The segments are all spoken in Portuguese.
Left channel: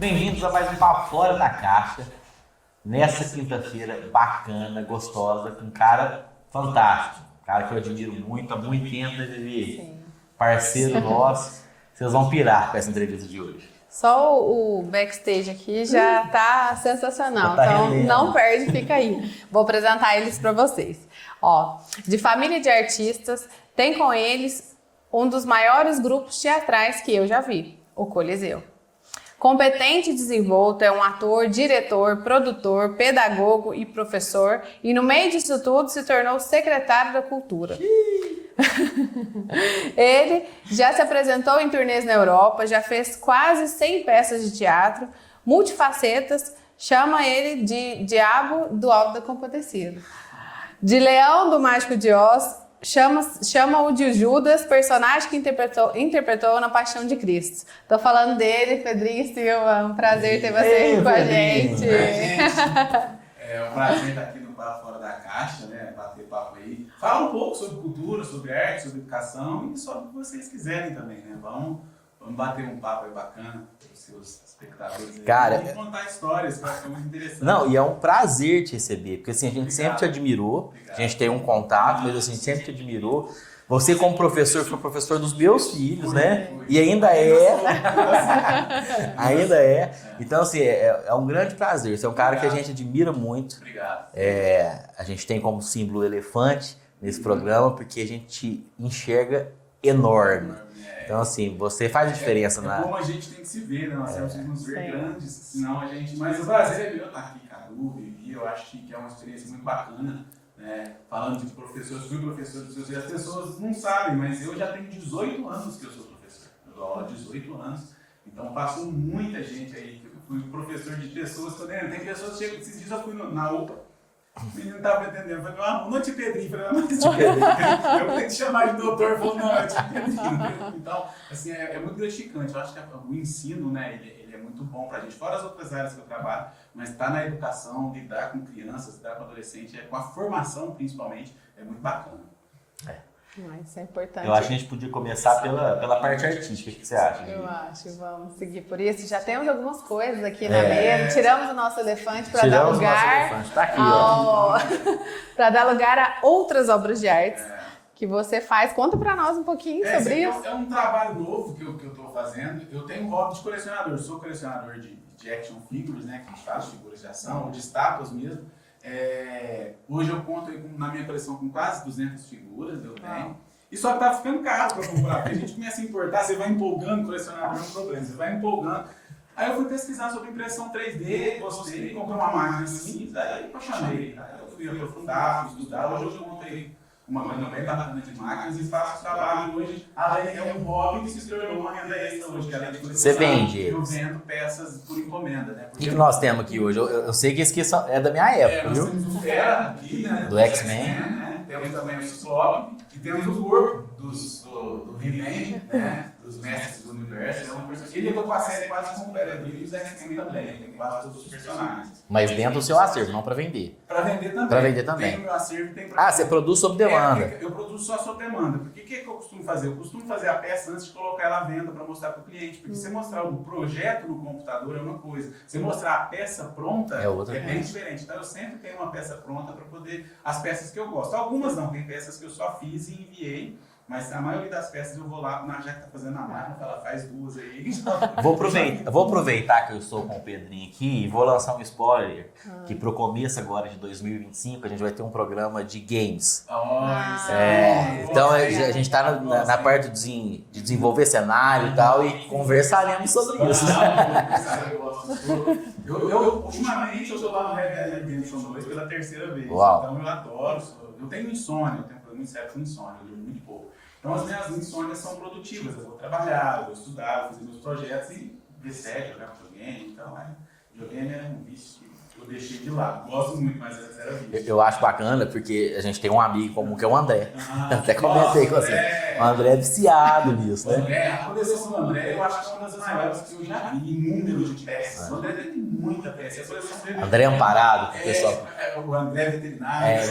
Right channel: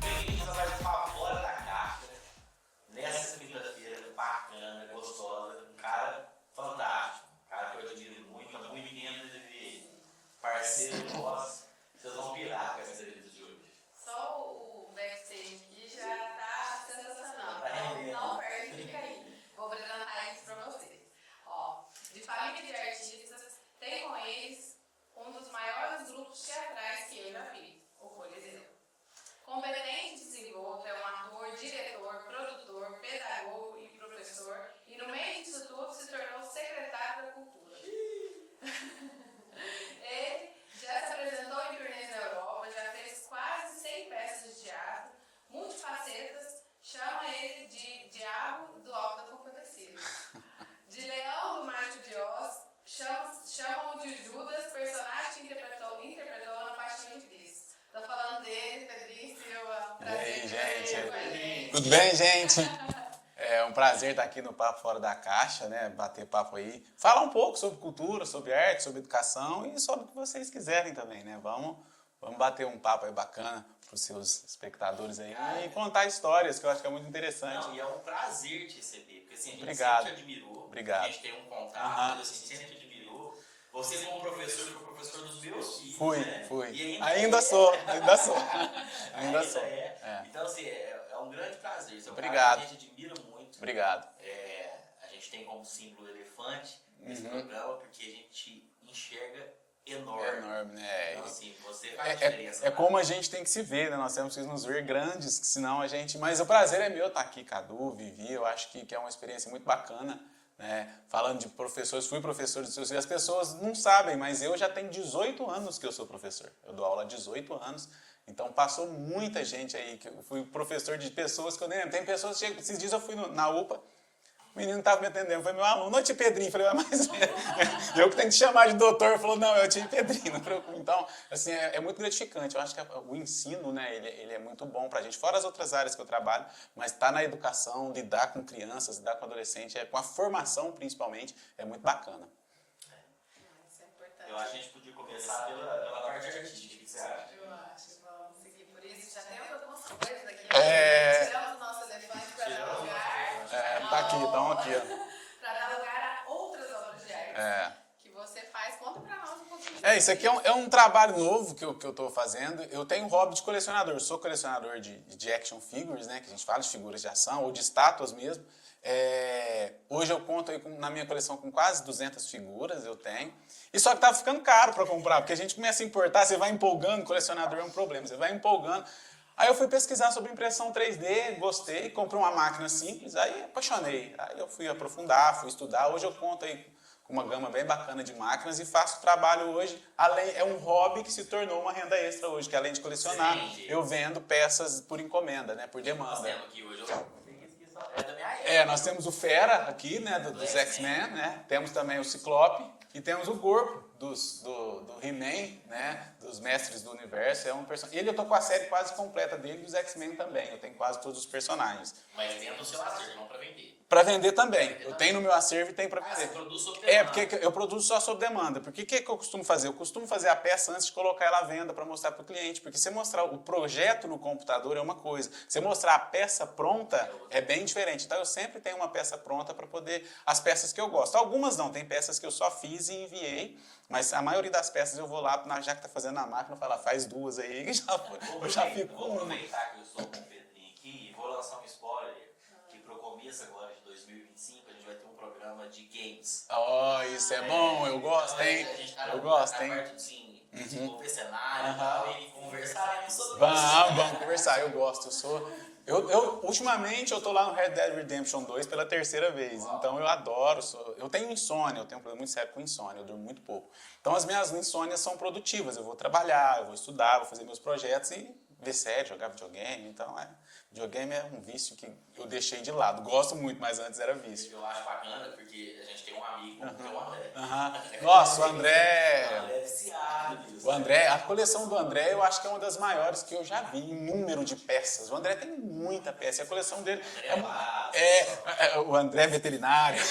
Bem-vindos a mais um Papo Fora da Caixa, nessa quinta-feira bacana, gostosa, com um cara fantástico, um cara que eu admiro muito, há muito tempo, né, parceiro nosso. Vocês vão pirar com essa entrevista de hoje. Só o backstage aqui já tá sensacional, então não perde, fica aí. Vou apresentar eles para vocês. Ó, de família de artistas, tem com eles um dos maiores grupos teatrais que eu já vi, o Coliseu. Competente e desenvolto, é um ator, diretor, produtor, pedagogo e professor, e no meio disso tudo se tornou secretário da Cultura. Ele já se apresentou em turnês na Europa, já fez quase 100 peças de teatro, multifacetas, chama ele de Diabo do Alto da Compadecida. De Leão do Mágico de Oz, chama-o de Judas, personagem que interpretou na Paixão de Cristo. Tô falando dele, Pedrinho Silva, um prazer ter você aqui com a gente. Tudo bem, gente? É um prazer estar aqui no Papo Fora da Caixa, né? Bater papo aí. Fala um pouco sobre cultura, sobre arte, sobre educação e sobre o que vocês quiserem também, né? Vamos bater um papo aí bacana para os seus espectadores aí. Cara, e contar histórias, que eu acho que é muito interessante. Não, e é um prazer te receber, porque assim, a gente sempre te admirou, a gente tem um contato, mas assim, sempre te admirou. Você como professor, foi professor dos meus filhos, né? Fui. E ainda sou. ainda é. Então, assim, é um grande prazer. Você é um cara que a gente admira muito. Obrigado. A gente tem como símbolo o elefante nesse programa, porque a gente enxerga enorme. Então, assim, você faz diferença. É como a gente tem que se ver, né? Nós temos que nos ver grandes, senão a gente... Mas o prazer é meu estar aqui, Cadu, Vivi, eu acho que é uma experiência muito bacana. Né? Falando de professores, fui professor dos seus, e as pessoas não sabem, mas eu já tenho 18 anos que eu sou professor. Eu dou aula há 18 anos, então passou muita gente aí, que eu fui professor de pessoas que eu nem... Tem pessoas que esses dias eu fui na UPA, o menino estava me atendendo, eu falei, meu aluno é tio Pedrinho, eu falei, mas tio Pedrinho, eu que tenho que chamar de doutor, ele falou, não, é tio Pedrinho. Então, assim, é muito gratificante, eu acho que o ensino, né, ele é muito bom pra gente, fora as outras áreas que eu trabalho, mas tá na educação, lidar com crianças, lidar com adolescentes, com a formação principalmente, é muito bacana. Isso é importante. Eu acho que a gente podia começar pela parte artística, o que você acha? Eu acho, vamos seguir por isso. Já temos algumas coisas aqui na mesa. Tiramos o nosso elefante para dar lugar tá aqui, para dar lugar a outras obras de arte que você faz. Conta para nós um pouquinho sobre isso. Aqui isso. É um trabalho novo que eu estou fazendo. Eu tenho um hobby de colecionador. Sou colecionador de action figures, né, que a gente fala de figuras de ação ou de estátuas mesmo. Hoje eu conto aí na minha coleção com quase 200 figuras, eu tenho. E só que tá ficando caro para comprar, porque a gente começa a importar, você vai empolgando, colecionador é um problema, você vai empolgando. Aí eu fui pesquisar sobre impressão 3D, gostei, comprei uma máquina simples, aí apaixonei. Aí eu fui aprofundar, fui estudar, hoje eu conto aí uma gama bem bacana de máquinas e faço trabalho hoje, é um hobby que se tornou uma renda extra hoje, que além de colecionar, você vende? Eu vendo peças por encomenda, né? Porque o que nós temos aqui hoje? Eu sei que esse aqui é da minha época, nós temos o Fera aqui, né? Do X-Men, né? Temos também o Ciclope e temos o Corpo do He-Man, né? Dos Mestres do Universo. Ele é com a série quase completa dele e os X-Men também, tem quase todos os personagens. Mas dentro do seu acervo, não para vender. Para vender também. Para vender também. Tem no meu acervo e tem para você produz sob demanda. Porque eu produzo só sob demanda. Porque o que eu costumo fazer? Eu costumo fazer a peça antes de colocar ela à venda para mostrar para o cliente. Porque você mostrar o projeto no computador é uma coisa. Você mostrar a peça pronta é bem diferente. Então eu sempre tenho uma peça pronta para poder... As peças que eu gosto. Algumas não, tem peças que eu só fiz e enviei. Mas a maioria das peças eu vou lá, já que tá fazendo na máquina, fala, faz duas aí. Vou aproveitar que eu estou com o Pedrinho aqui e vou lançar um spoiler, que pro começo agora de 2025 a gente vai ter um programa de games. Isso é bom. Então a gente tá na parte de desenvolver cenário e tal, e conversaremos sobre isso. Eu gosto. Ultimamente eu tô lá no Red Dead Redemption 2 pela terceira vez. Uau. Então eu adoro. Eu tenho insônia, eu tenho um problema muito sério com insônia, eu durmo muito pouco. Então as minhas insônias são produtivas, eu vou trabalhar, eu vou estudar, vou fazer meus projetos e ver série, jogar videogame, então videogame é um vício que eu deixei de lado. Gosto muito, mas antes era vício. Eu acho bacana porque a gente tem um amigo comum que é o André. Até Nossa, comentei com você. O André é viciado nisso, O né? André, a coleção do André eu acho que é uma das maiores que eu já vi em número de peças. O André tem muita peça. A coleção dele. André Amparado, pessoal. O André é veterinário.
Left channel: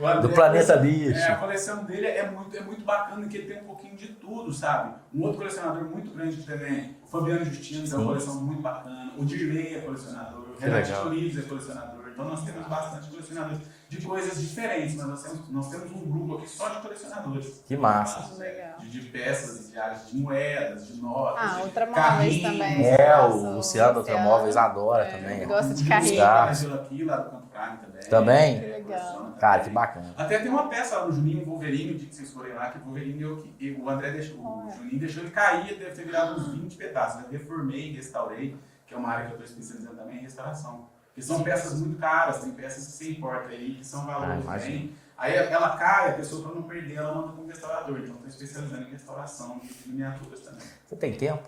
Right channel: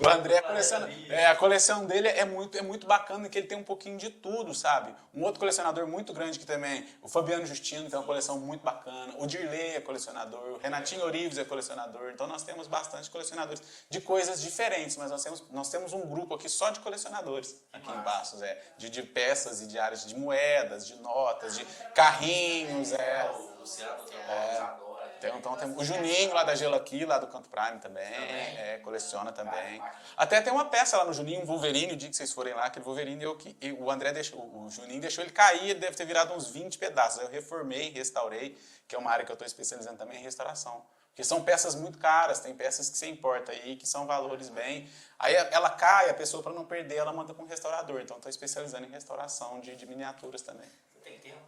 O André, Do Planeta Bicho. a coleção dele é muito bacana, que ele tem um pouquinho de tudo, sabe? Um outro colecionador muito grande que também, o Fabiano Justino, que é uma coleção muito bacana. O Dirley é colecionador. O Renatinho Orives é colecionador. Então nós temos bastante colecionadores de coisas diferentes, mas nós temos um grupo aqui só de colecionadores. Que massa. De peças e de áreas de moedas, de notas, de Ultramóveis carrinhos. também. O Luciano Ultramóveis adora também. Eu gosto O de Juninho carrinho. lá da Gelo aqui, lá do Canto Prime também. Também? Coleciona também. Cara, que bacana. Até tem uma peça lá no Juninho, um Wolverine, o dia que vocês forem lá, que o Wolverine o André deixou, o Juninho deixou ele cair, ele deve ter virado uns 20 pedaços. Eu reformei, restaurei, que é uma área que eu estou especializando também em restauração. Porque são peças muito caras, tem peças que você importa aí, que são valores bem. Aí ela cai, a pessoa, para não perder, ela manda para um restaurador. Então estou especializando em restauração de miniaturas também. Você tem tempo?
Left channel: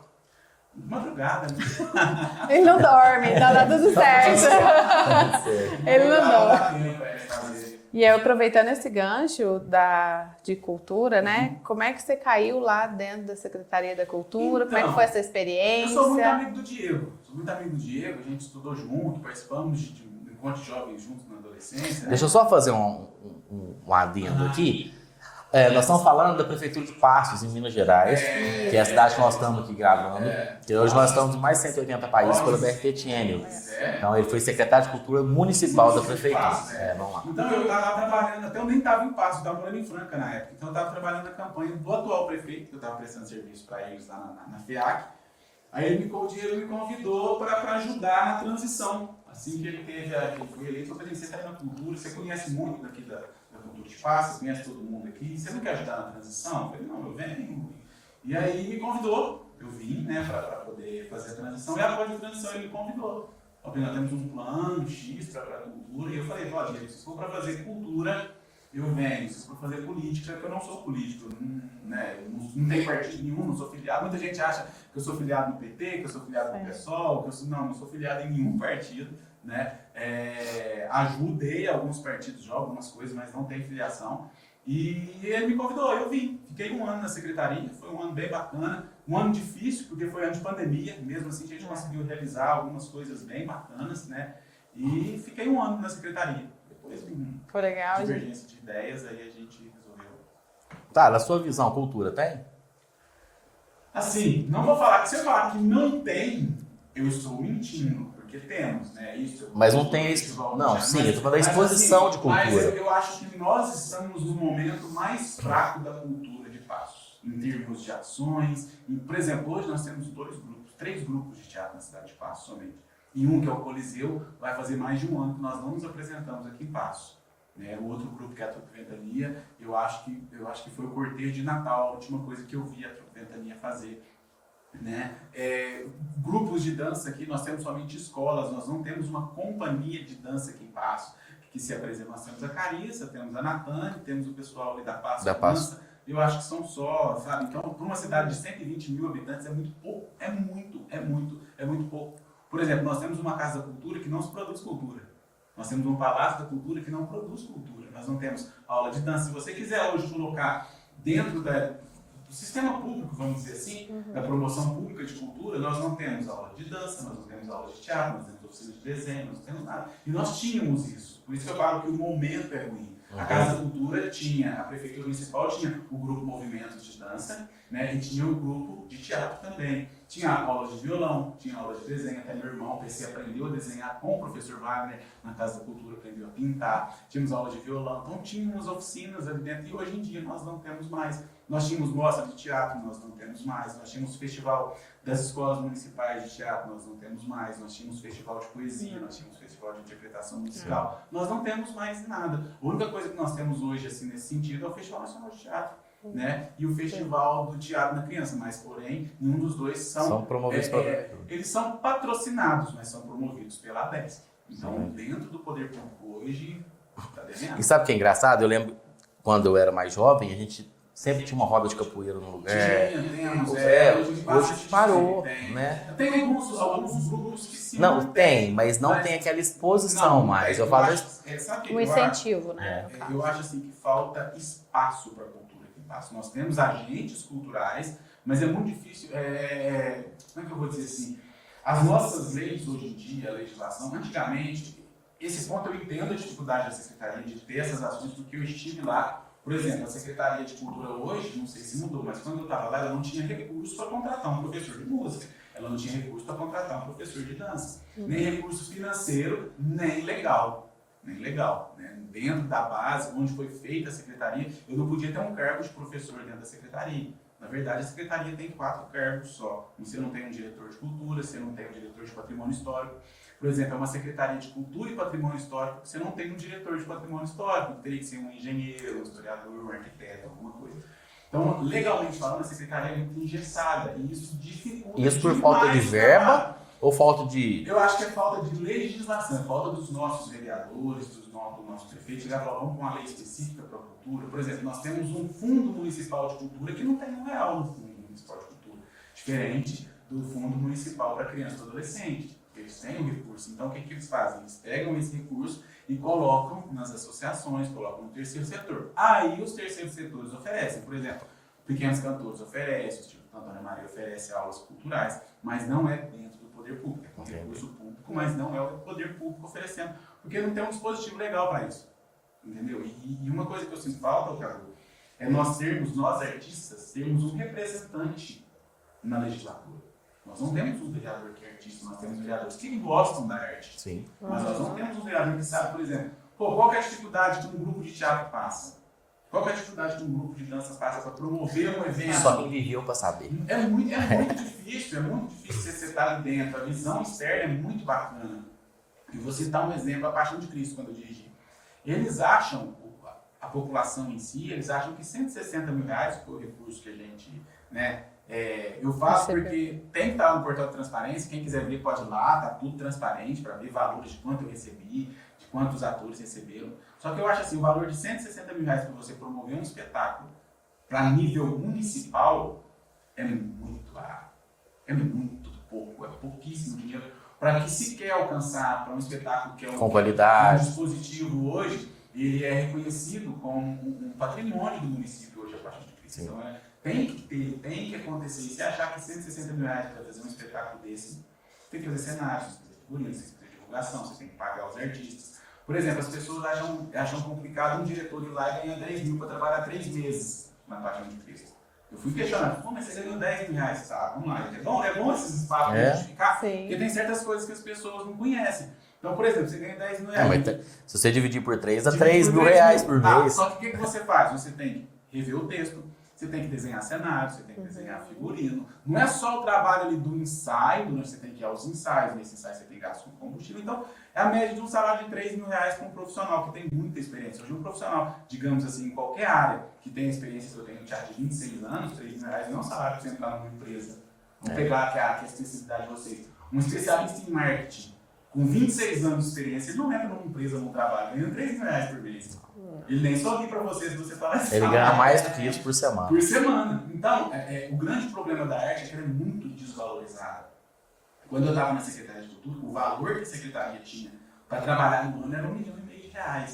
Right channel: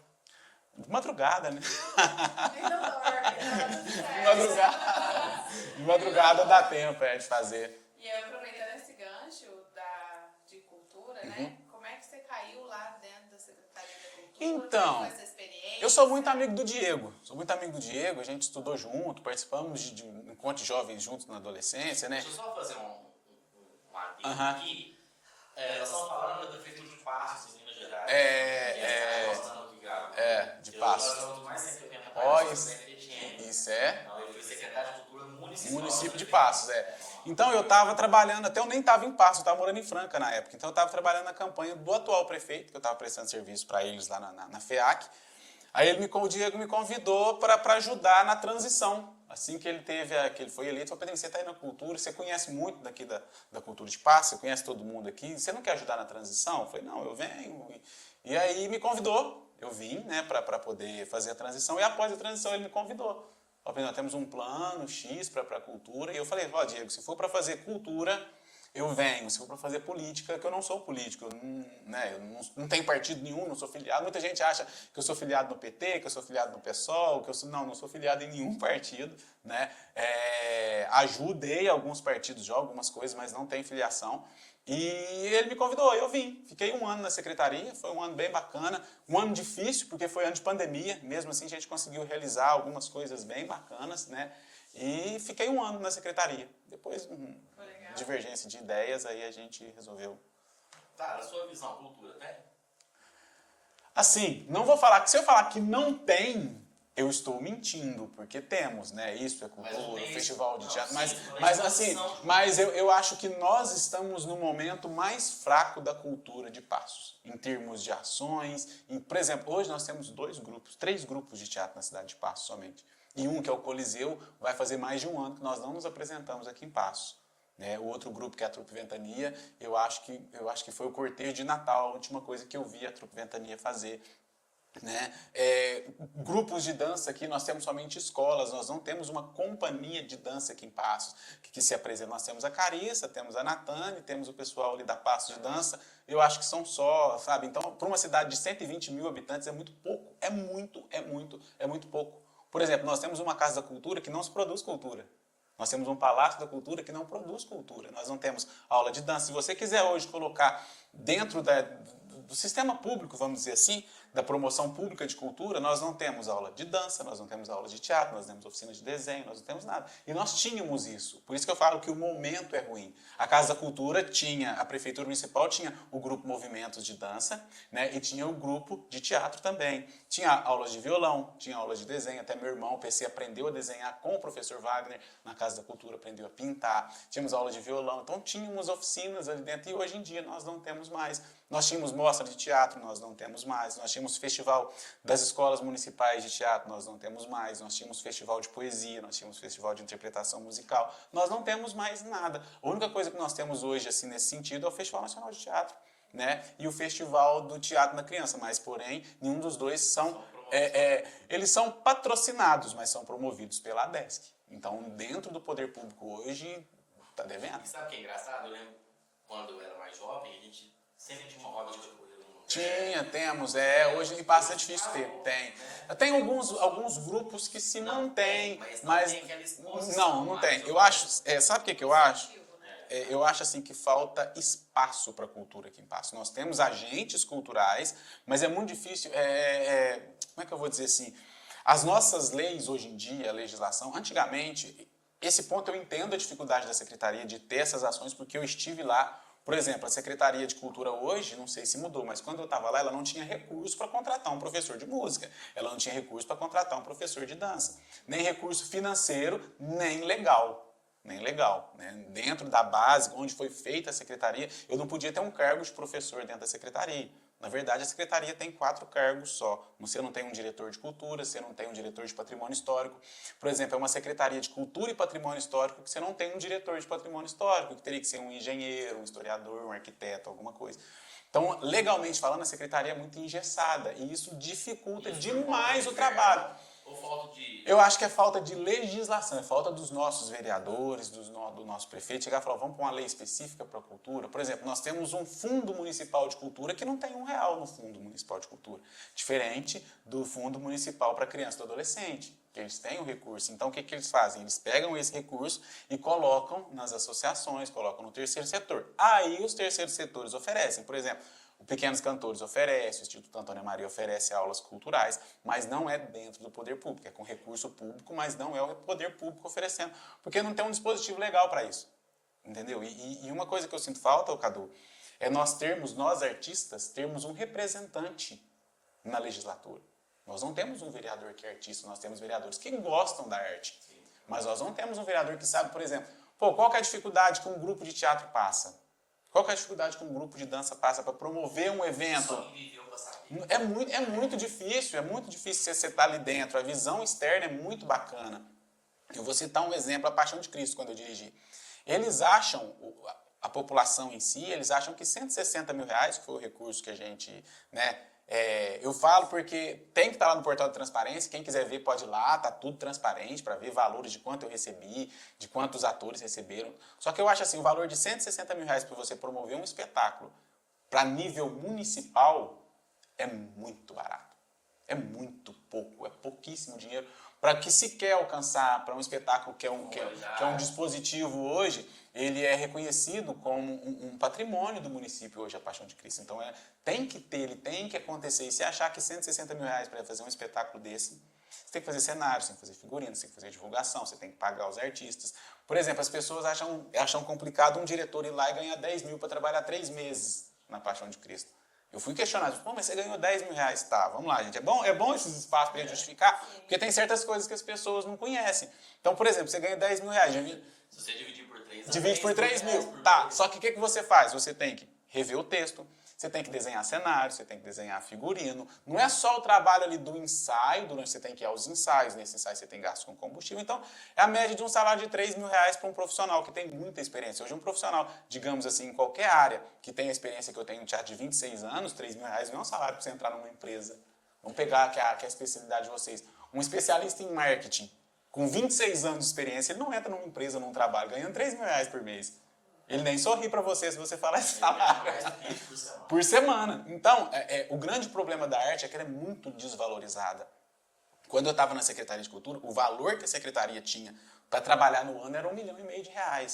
De madrugada, né? Ele não dorme, tá tudo certo. Ele não Madrugada dorme. dá tempo pra gente fazer. E aí, aproveitando esse gancho de cultura, né? Como é que você caiu lá dentro da Secretaria da Cultura? Como é que foi essa experiência? Eu sou muito amigo do Diego. A gente estudou junto, participamos de encontros jovens juntos na adolescência. Né? Deixa eu só fazer um adendo aqui. Nós estamos falando da Prefeitura de Passos, em Minas Gerais, que é a cidade que nós estamos aqui gravando. Que hoje nós estamos em mais de 180 países pelo BRT Tiênio. Então ele foi secretário de Cultura Municipal da Prefeitura. Passos, vamos lá. Então eu estava trabalhando, até eu nem estava em Passos, eu estava morando em Franca na época. Então eu estava trabalhando na campanha do atual prefeito, que eu estava prestando serviço para eles lá na FEAC. Aí o Diego me convidou para ajudar na transição. Assim que que ele foi eleito, eu falei, você está aí na cultura, você conhece muito daqui da cultura de Passos, você conhece todo mundo aqui, você não quer ajudar na transição? Eu falei, não, eu venho. E aí me convidou, eu vim, né, para poder fazer a transição, e após a transição ele me convidou. Nós temos um plano X para a cultura, e eu falei, Diego, se for para fazer cultura, eu venho. Se for para fazer política, que eu não sou político, não tenho partido nenhum, não sou filiado. Muita gente acha que eu sou filiado no PT, que eu sou filiado no PSOL, que não sou filiado em nenhum partido. Né? Ajudei alguns partidos já, algumas coisas, mas não tenho filiação. E ele me convidou, eu vim. Fiquei um ano na secretaria, foi um ano bem bacana, um ano difícil, porque foi ano de pandemia, mesmo assim a gente conseguiu realizar algumas coisas bem bacanas, né? E fiquei um ano na secretaria. Depois, foi legal, divergência de ideias, aí a gente resolveu. Tá, na sua visão, cultura tem? Assim, não vou falar, se eu falar que não tem, eu estou mentindo, porque temos, né? Isso. Mas não tem festival. Não, sim, eu estou falando da exposição de cultura. Mas eu acho que nós estamos no momento mais fraco da cultura de Passos, em termos de ações. Por exemplo, hoje nós temos 3 grupos de teatro na cidade de Passos somente. E um, que é o Coliseu, vai fazer mais de um ano que nós não nos apresentamos aqui em Passos. O outro grupo, que é a Trupe Ventania, eu acho que foi o cortejo de Natal, a última coisa que eu vi a Trupe Ventania fazer. Né? Grupos de dança aqui, nós temos somente escolas, nós não temos uma companhia de dança aqui em Passos que se apresenta. Nós temos a Carissa, temos a Natane, temos o pessoal ali da Passos de Dança. Eu acho que são só, sabe? Então, para uma cidade de 120 mil habitantes é muito pouco, é muito pouco. Por exemplo, nós temos uma Casa da Cultura que não se produz cultura. Nós temos um Palácio da Cultura que não produz cultura. Nós não temos aula de dança. Se você quiser hoje colocar dentro do sistema público, vamos dizer assim, da promoção pública de cultura, nós não temos aula de dança, nós não temos aula de teatro, nós temos oficina de desenho, nós não temos nada. E nós tínhamos isso. Por isso que eu falo que o momento é ruim. A Casa da Cultura a Prefeitura Municipal tinha o grupo Movimentos de Dança, né, e tinha o grupo de teatro também. Tinha aulas de violão, tinha aulas de desenho, até meu irmão, o PC, aprendeu a desenhar com o professor Wagner, na Casa da Cultura aprendeu a pintar, tínhamos aulas de violão, então tínhamos oficinas ali dentro, e hoje em dia nós não temos mais. Nós tínhamos mostra de teatro, nós não temos mais. Nós tínhamos festival das escolas municipais de teatro, nós não temos mais. Nós tínhamos festival de poesia, nós tínhamos festival de interpretação musical. Nós não temos mais nada. A única coisa que nós temos hoje, assim, nesse sentido, é o Festival Nacional de Teatro. Né? E o Festival do Teatro na Criança, mas, porém, nenhum dos dois são promovidos eles são patrocinados, mas são promovidos pela ADESC. Então, dentro do poder público hoje, está devendo. E sabe o que é engraçado? Eu lembro, quando eu era mais jovem, a gente sempre tinha uma roda de capoeira no lugar. Temos, hoje Hoje parou, tem. né? Tem alguns grupos que se Não, mantêm, mas não tem aquela exposição não mais. tem. Eu Eu falo acho, sabe o que, Um que eu acho? incentivo, né? Eu acho assim que falta espaço para a cultura aqui em Passo. Nós temos agentes culturais, mas é muito difícil. Como é que eu vou dizer assim? As nossas leis hoje em dia, a legislação, antigamente, esse ponto eu entendo a dificuldade da secretaria de ter essas ações, porque eu estive lá. Por exemplo, a Secretaria de Cultura hoje, não sei se mudou, mas quando eu estava lá, ela não tinha recurso para contratar um professor de música, ela não tinha recurso para contratar um professor de dança, nem recurso financeiro, nem legal. Né? Dentro da base, onde foi feita a secretaria, eu não podia ter um cargo de professor dentro da secretaria. Na verdade, a secretaria tem 4 cargos só. Você não tem um diretor de cultura, você não tem um diretor de patrimônio histórico. Por exemplo, é uma secretaria de cultura e patrimônio histórico que você não tem um diretor de patrimônio histórico, que teria que ser um engenheiro, um historiador, um arquiteto, alguma coisa. Então, legalmente falando, a secretaria é muito engessada e isso dificulta isso por demais falta de o verba trabalho. ou falta de... Eu acho que é falta de legislação, é falta dos nossos vereadores, do nosso prefeito chegar e falar, vamos pôr uma lei específica para a cultura. Por exemplo, nós temos um fundo municipal de cultura que não tem R$1 no fundo municipal de cultura, diferente do fundo municipal para criança e adolescente. Eles têm um recurso, então o que eles fazem? Eles pegam esse recurso e colocam nas associações, colocam no terceiro setor. Aí os terceiros setores oferecem, por exemplo, o Pequenos Cantores oferece, o Instituto Antônia Maria oferece aulas culturais, mas não é dentro do poder público, é com recurso público, mas não é o poder público oferecendo, porque não tem um dispositivo legal para isso, entendeu? E uma coisa que eu sinto falta, Cadu, é nós artistas, termos um representante na legislatura. Nós não temos um vereador que é artista, nós temos vereadores que gostam da arte. Sim. Mas nós não temos um vereador que sabe, por exemplo, qual que é a dificuldade que um grupo de teatro passa? Qual que é a dificuldade que um grupo de dança passa para promover um evento? Só quem viveu para saber. É muito difícil você estar ali dentro. A visão externa é muito bacana. Eu vou citar um exemplo, a Paixão de Cristo, quando eu dirigi. Eles acham, a população em si, eles acham que R$160 mil, que foi o recurso que a gente, né, eu falo porque tem que estar lá no portal de transparência, quem quiser ver pode ir lá, tá tudo transparente para ver valores de quanto eu recebi, de quantos atores receberam. Só que eu acho assim, o valor de R$160 mil para você promover um espetáculo para nível municipal é muito barato. É muito pouco, é pouquíssimo dinheiro para que se quer alcançar para um espetáculo que é com qualidade. Que é um dispositivo hoje, ele é reconhecido como um patrimônio do município hoje, a Paixão de Cristo. Então, tem que acontecer. E se achar que R$160 mil para fazer um espetáculo desse, você tem que fazer cenário, você tem que fazer figurino, você tem que fazer divulgação, você tem que pagar os artistas. Por exemplo, as pessoas acham complicado um diretor ir lá e ganhar 10 mil para trabalhar 3 meses na Paixão de Cristo. Eu fui questionado, mas você ganhou 10 mil, tá? Vamos lá, gente. É bom esses espaços para justificar, porque tem certas coisas que as pessoas não conhecem. Então, por exemplo, você ganha 10 mil. Se você dividir por 3, dá R$3 mil por mês. Só que o que você faz? Você tem que rever o texto, você tem que desenhar cenário, você tem que desenhar figurino. Não é só o trabalho ali do ensaio, você tem que ir aos ensaios, nesse ensaio você tem gasto com combustível. Então, é a média de um salário de R$3 mil para um profissional que tem muita experiência. Hoje, um profissional, digamos assim, em qualquer área, que tem a experiência que eu tenho no teatro de 26 anos, R$3 mil não é um salário para você entrar numa empresa. Vamos pegar que é a especialidade de vocês. Um especialista em marketing, com 26 anos de experiência, ele não entra numa empresa, num trabalho, ganhando R$3 mil por mês. Ele nem sorri para você se você falar assim. Ele ganha mais do que isso por semana. Por semana. Então, o grande problema da arte é que ela é muito desvalorizada. Quando eu estava na Secretaria de Cultura, o valor que a Secretaria tinha para trabalhar no ano era R$1,5 milhão.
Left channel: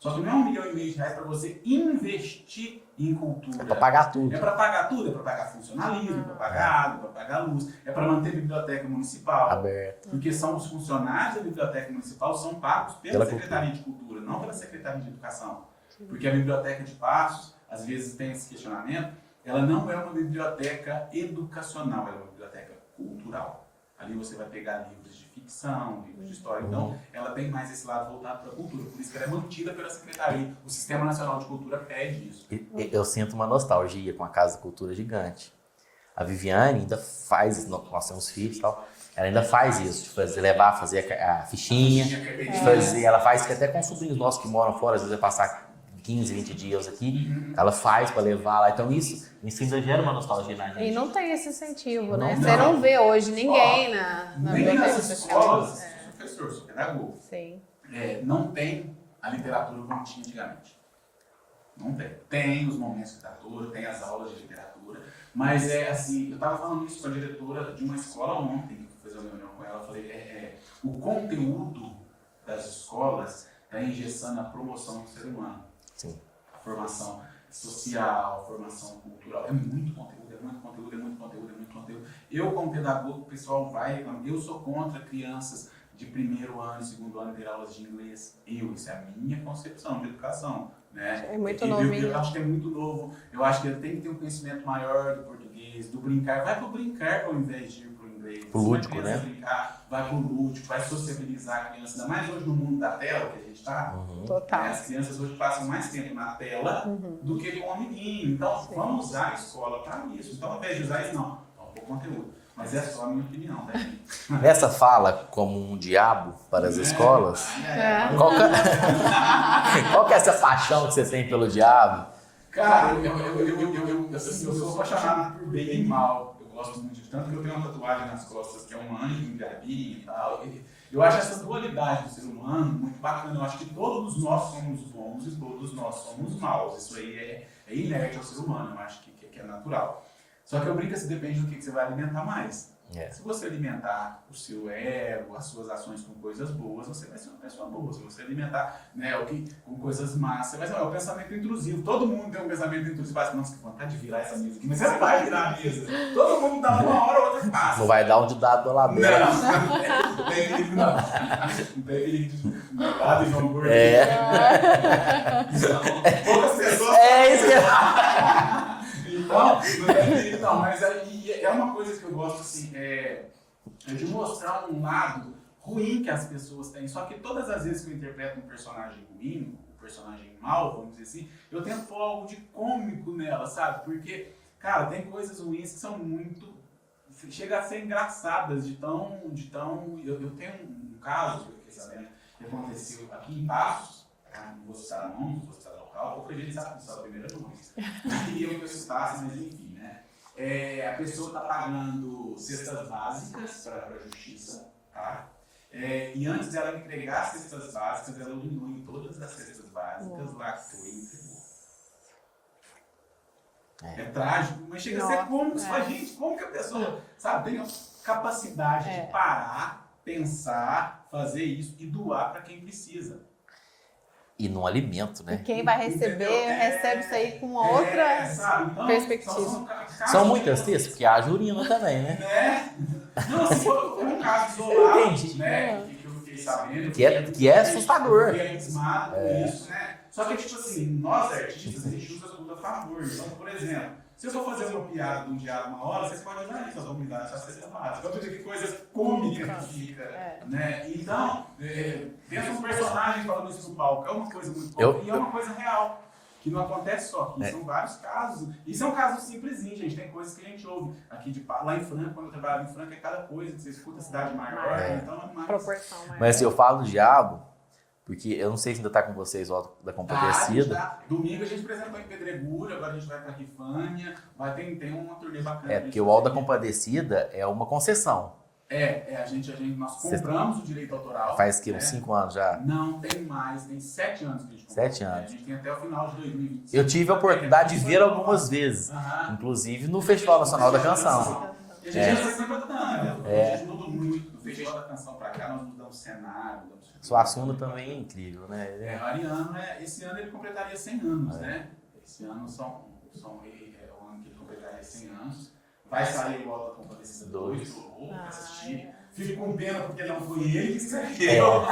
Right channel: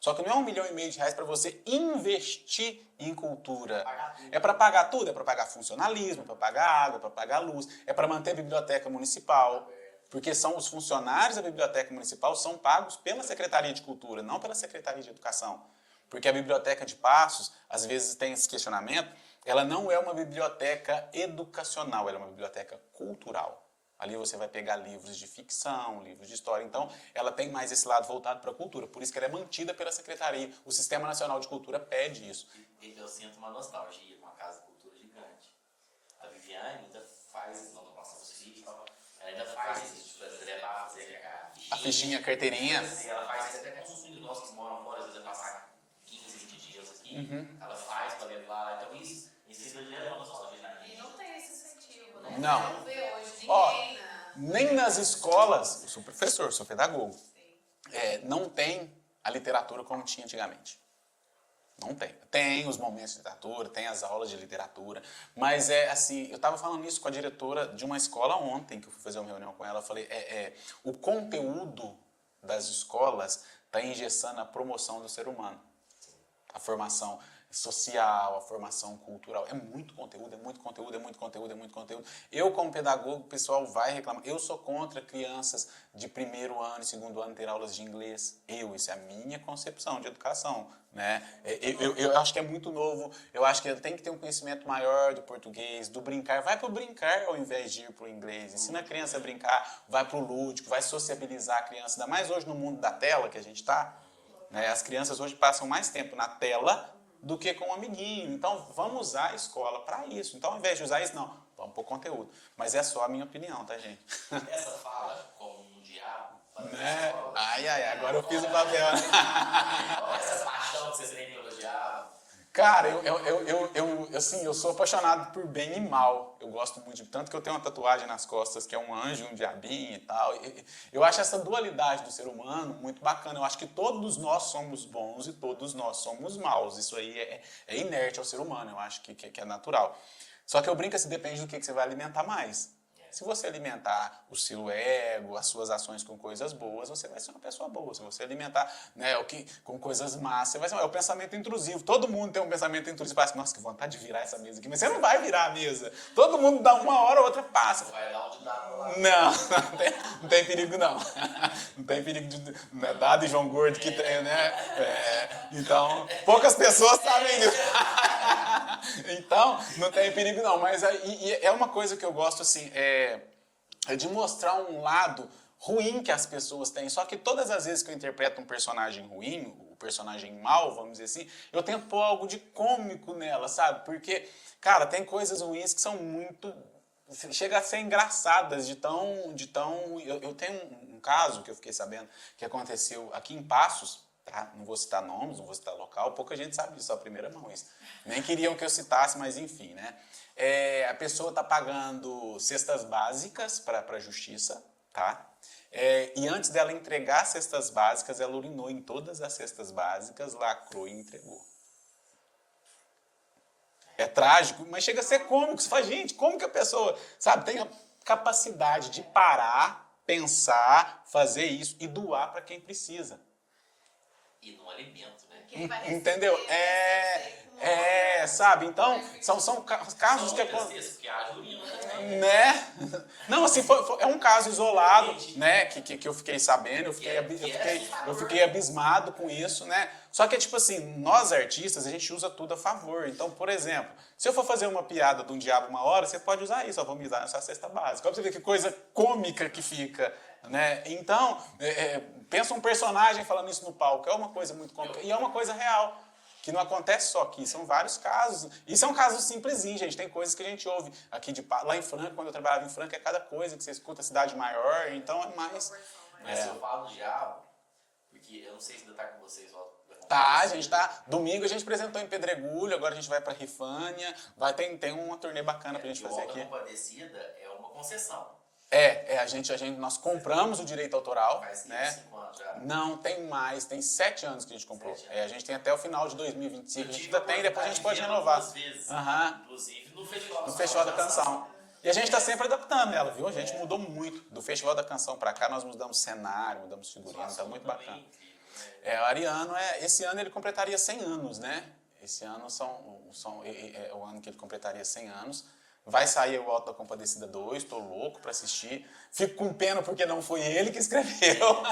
Só que não é R$1,5 milhão para você investir em cultura. É para pagar tudo. É para pagar tudo. É para pagar funcionalismo, é para pagar água, é para pagar luz, é para manter a biblioteca municipal. Aberto. Porque são os funcionários da biblioteca municipal são pagos pela Secretaria de Cultura, não pela Secretaria de Educação. Porque a biblioteca de Passos, às vezes tem esse questionamento, ela não é uma biblioteca educacional, ela é uma biblioteca cultural. Ali você vai pegar livros de ficção, livros de história. Então, ela tem mais esse lado voltado para a cultura. Por isso que ela é mantida pela Secretaria. O Sistema Nacional de Cultura pede isso. Eu sinto uma nostalgia com a Casa da Cultura gigante. A Viviane ainda faz, nós temos filhos e tal, ela ainda faz isso, fazer a fichinha, ela faz até com sobrinhos nossos que moram fora, às vezes vai passar 15, 20 dias aqui, ela faz para levar lá. Então isso ainda gera uma nostalgia na gente. E não tem esse incentivo, né? Não. Você não vê hoje ninguém nem nas escolas, sou professor, sou pedagogo, Sim. não tem a literatura como tinha antigamente. Não tem. Tem os momentos de literatura, tem as aulas de literatura, mas é assim, eu estava falando isso com a diretora de uma escola ontem, que eu fui fazer uma reunião com ela, eu falei, o conteúdo das escolas está engessando a promoção do ser humano. Sim. A formação social, a formação cultural, é muito conteúdo, é muito conteúdo, é muito conteúdo, é muito conteúdo. Eu, como pedagogo, o pessoal vai reclamar, eu sou contra crianças de primeiro ano, segundo ano ter aulas de inglês. Isso é a minha concepção de educação. Né? É muito novo, eu acho que é muito novo, eu acho que ele tem que ter um conhecimento maior do português, do brincar. Vai pro brincar ao invés de ir pro inglês. Se a criança brincar, vai pro lúdico, vai sociabilizar a criança. Ainda mais hoje no mundo da tela que a gente tá. Total. As crianças hoje passam mais tempo na tela do que com o amiguinho. Então, vamos usar a escola para isso. Então, ao invés de usar isso, não. Vamos pôr conteúdo. Mas é só a minha opinião, tá, gente? Essa fala como um diabo para as escolas. Qual que é essa paixão que você tem pelo diabo? Cara, eu sou apaixonado por bem e mal. Eu gosto muito, tanto que eu tenho uma tatuagem nas costas que é um anjo, um diabinho e tal. Eu acho essa dualidade do ser humano muito bacana. Eu acho que todos nós somos bons e todos nós somos maus. Isso aí é inerte ao ser humano, eu acho que é natural. Só que eu brinco assim, depende do que você vai alimentar mais. Se você alimentar o seu ego, as suas ações com coisas boas, você vai ser uma pessoa boa. Se você alimentar, né, com coisas más, você vai ser o pensamento intrusivo. Todo mundo tem um pensamento intrusivo. Você fala assim, nossa, que vontade de virar essa mesa aqui. Mas você não vai virar a mesa. Todo mundo dá uma hora ou outra passa. Não vai dar um de dado pela boca. Não tem perigo não. Não tem perigo de dado e João Gordo. Né? Então, poucas pessoas sabem isso. Então, não tem perigo não, mas é uma coisa que eu gosto assim, é de mostrar um lado ruim que as pessoas têm, só que todas as vezes que eu interpreto um personagem ruim, um personagem mau, vamos dizer assim, eu tento pôr algo de cômico nela, sabe? Porque, cara, tem coisas ruins que são muito... chega a ser engraçadas eu tenho um caso que eu fiquei sabendo que aconteceu aqui em Passos. Não vou citar nomes, não vou citar local, pouca gente sabe disso, a primeira vez. Nem queriam que eu citasse, mas enfim, né? A pessoa está pagando cestas básicas para a justiça, tá? E antes dela entregar as cestas básicas, ela urinou em todas as cestas básicas, lacrou e entregou. É trágico, mas chega a ser cômico. Você fala, gente, como que a pessoa, sabe, tem a capacidade de parar, pensar, fazer isso e doar para quem precisa. E no alimento, né? E quem vai receber, recebe isso aí com outra sabe? Então, perspectiva. são casos... São muitas vezes, porque a urina também, né? Não, assim, é um caso isolado, né? Que eu fiquei sabendo. Que é assustador. Eu fiquei abismado com isso, né? Só que, tipo assim, nós artistas, a gente usa tudo a favor. Então, por exemplo, se eu for fazer uma piada de um diabo uma hora, você pode usar isso. Vamos usar essa cesta básica. Olha que coisa cômica que fica, né? Então, pensa um personagem falando isso no palco. É uma coisa muito cômica e é uma coisa real. Que não acontece só aqui, são vários casos. E são casos simplesinhos, gente. Tem coisas que a gente ouve aqui lá em Franca, quando eu trabalhava em Franca, é cada coisa que você escuta a cidade maior. Então, é mais... proporção maior. Mas se eu falo do diabo, porque eu não sei se ainda tá com vocês o Auto da Compadecida. A gente tá. Domingo a gente apresentou em Pedregulho, agora a gente vai pra Rifânia. Tem uma turnê bacana. Porque o Auto da Compadecida é uma concessão. Nós compramos o direito autoral. Faz que uns 5 anos já? Não, tem mais, tem 7 anos que a gente comprou. 7 anos. A gente tem até o final de 2025. Eu tive a oportunidade de ver algumas vezes, inclusive no Festival Nacional da Canção. E a gente está sempre adaptando ela, viu? A gente mudou muito. Do Festival da Canção para cá, nós mudamos cenário, mudamos filme. Sua Assuna também é incrível, né? O Ariano, esse ano ele completaria 100 anos, né? Esse ano é o ano que ele completaria 100 anos. Vai sair o Auto da Compadecida 2, tô louco para assistir. Fico com pena porque não foi ele que escreveu.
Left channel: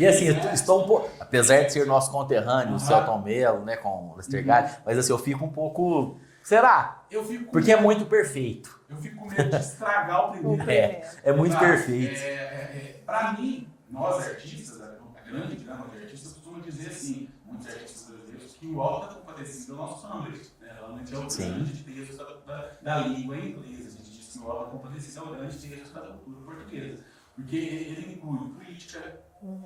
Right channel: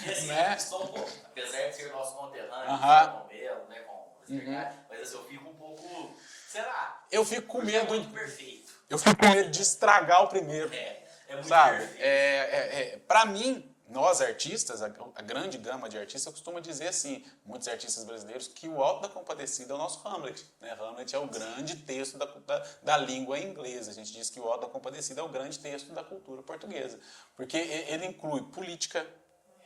E assim, eu estou um pouco, apesar de ser nosso conterrâneo, o Celton Mello, né, com o Lester Gale, mas assim, eu fico um pouco, será? Eu fico com porque é muito perfeito. Eu fico com medo de estragar o primeiro. É muito perfeito. Para mim, nós artistas, a grande gama de artistas costuma dizer assim, muitos artistas brasileiros, que o Auto da Compadecida é o nosso Hamlet. Né? Hamlet é o grande texto da língua inglesa. A gente diz que o Auto da Compadecida é o grande texto da cultura portuguesa. Porque ele inclui política,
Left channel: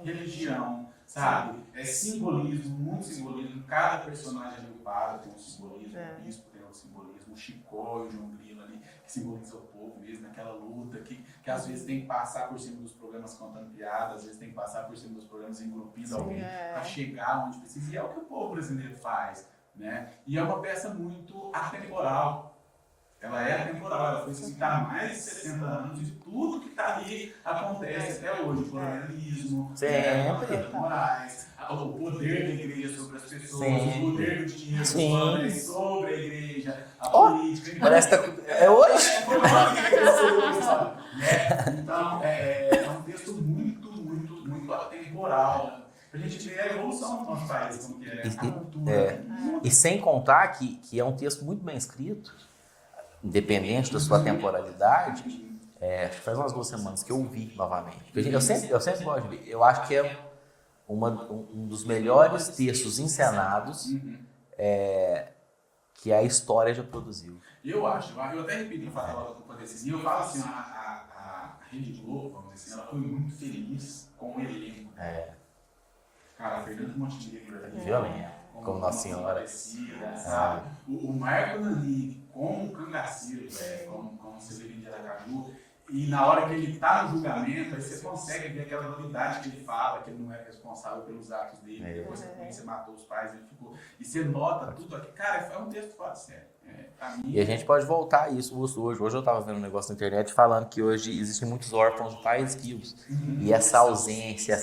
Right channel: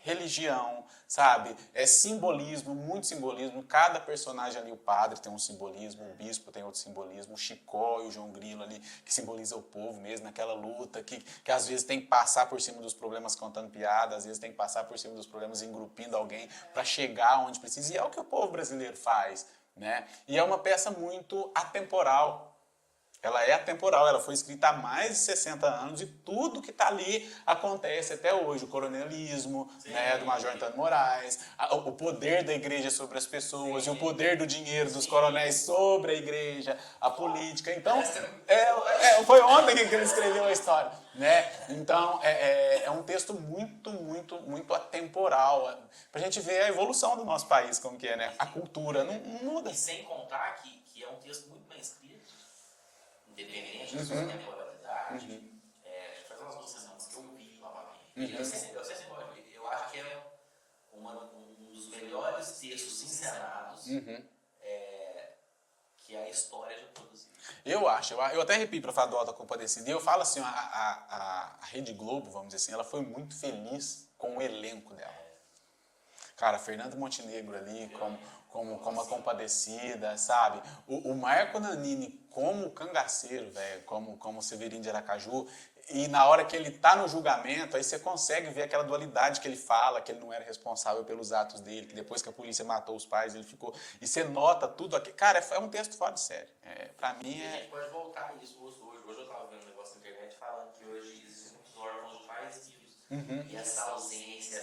religião, sabe? Simbolismo, muito simbolismo. Cada personagem ali, o padre tem um simbolismo, o bispo tem outro simbolismo, o Chicó e o João Grilo ali, que simboliza o povo mesmo, naquela luta que às vezes tem que passar por cima dos problemas contando piada, às vezes tem que passar por cima dos problemas engrupindo alguém para chegar onde precisa. E é o que o povo brasileiro faz. né? E é uma peça muito atemporal. Ela é atemporal, ela foi escrita há mais de 60 anos e tudo que está ali acontece até hoje. O coronelismo, né, com a Jorge Moraes, o poder da igreja sobre as pessoas, o poder do dinheiro dos coronéis sobre a igreja, a política. Então, é hoje? Foi ontem que ele escreveu a história. Né? Então, é um texto muito atemporal. Pra gente ver a evolução do nosso país, como que é, né? A cultura. E sem contar que é um texto muito bem escrito, independente da sua temporalidade, faz umas 2 semanas que eu ouvi novamente. Eu sempre gosto de ver. Eu acho que é um dos melhores textos encenados que a história já produziu. Eu até arrepio para falar do Auto da Compadecida. E eu falo assim, a Rede Globo, vamos dizer assim, ela foi muito feliz com o elenco. Né? Cara, Fernando Montenegro ali, como uma Compadecida, sabe? O Marco Nanini como cangaceiro, como Severino de Aracaju. E na hora que ele tá no julgamento, aí você consegue ver aquela dualidade que ele fala, que ele não era responsável pelos atos dele, que depois que a polícia matou os pais, ele ficou... E você nota tudo aqui. Cara, é um texto fora de série. Pra mim, e a gente pode voltar a isso hoje. Hoje eu tava vendo um negócio na internet falando que hoje existem muitos órfãos de pais vivos. E essa ausência,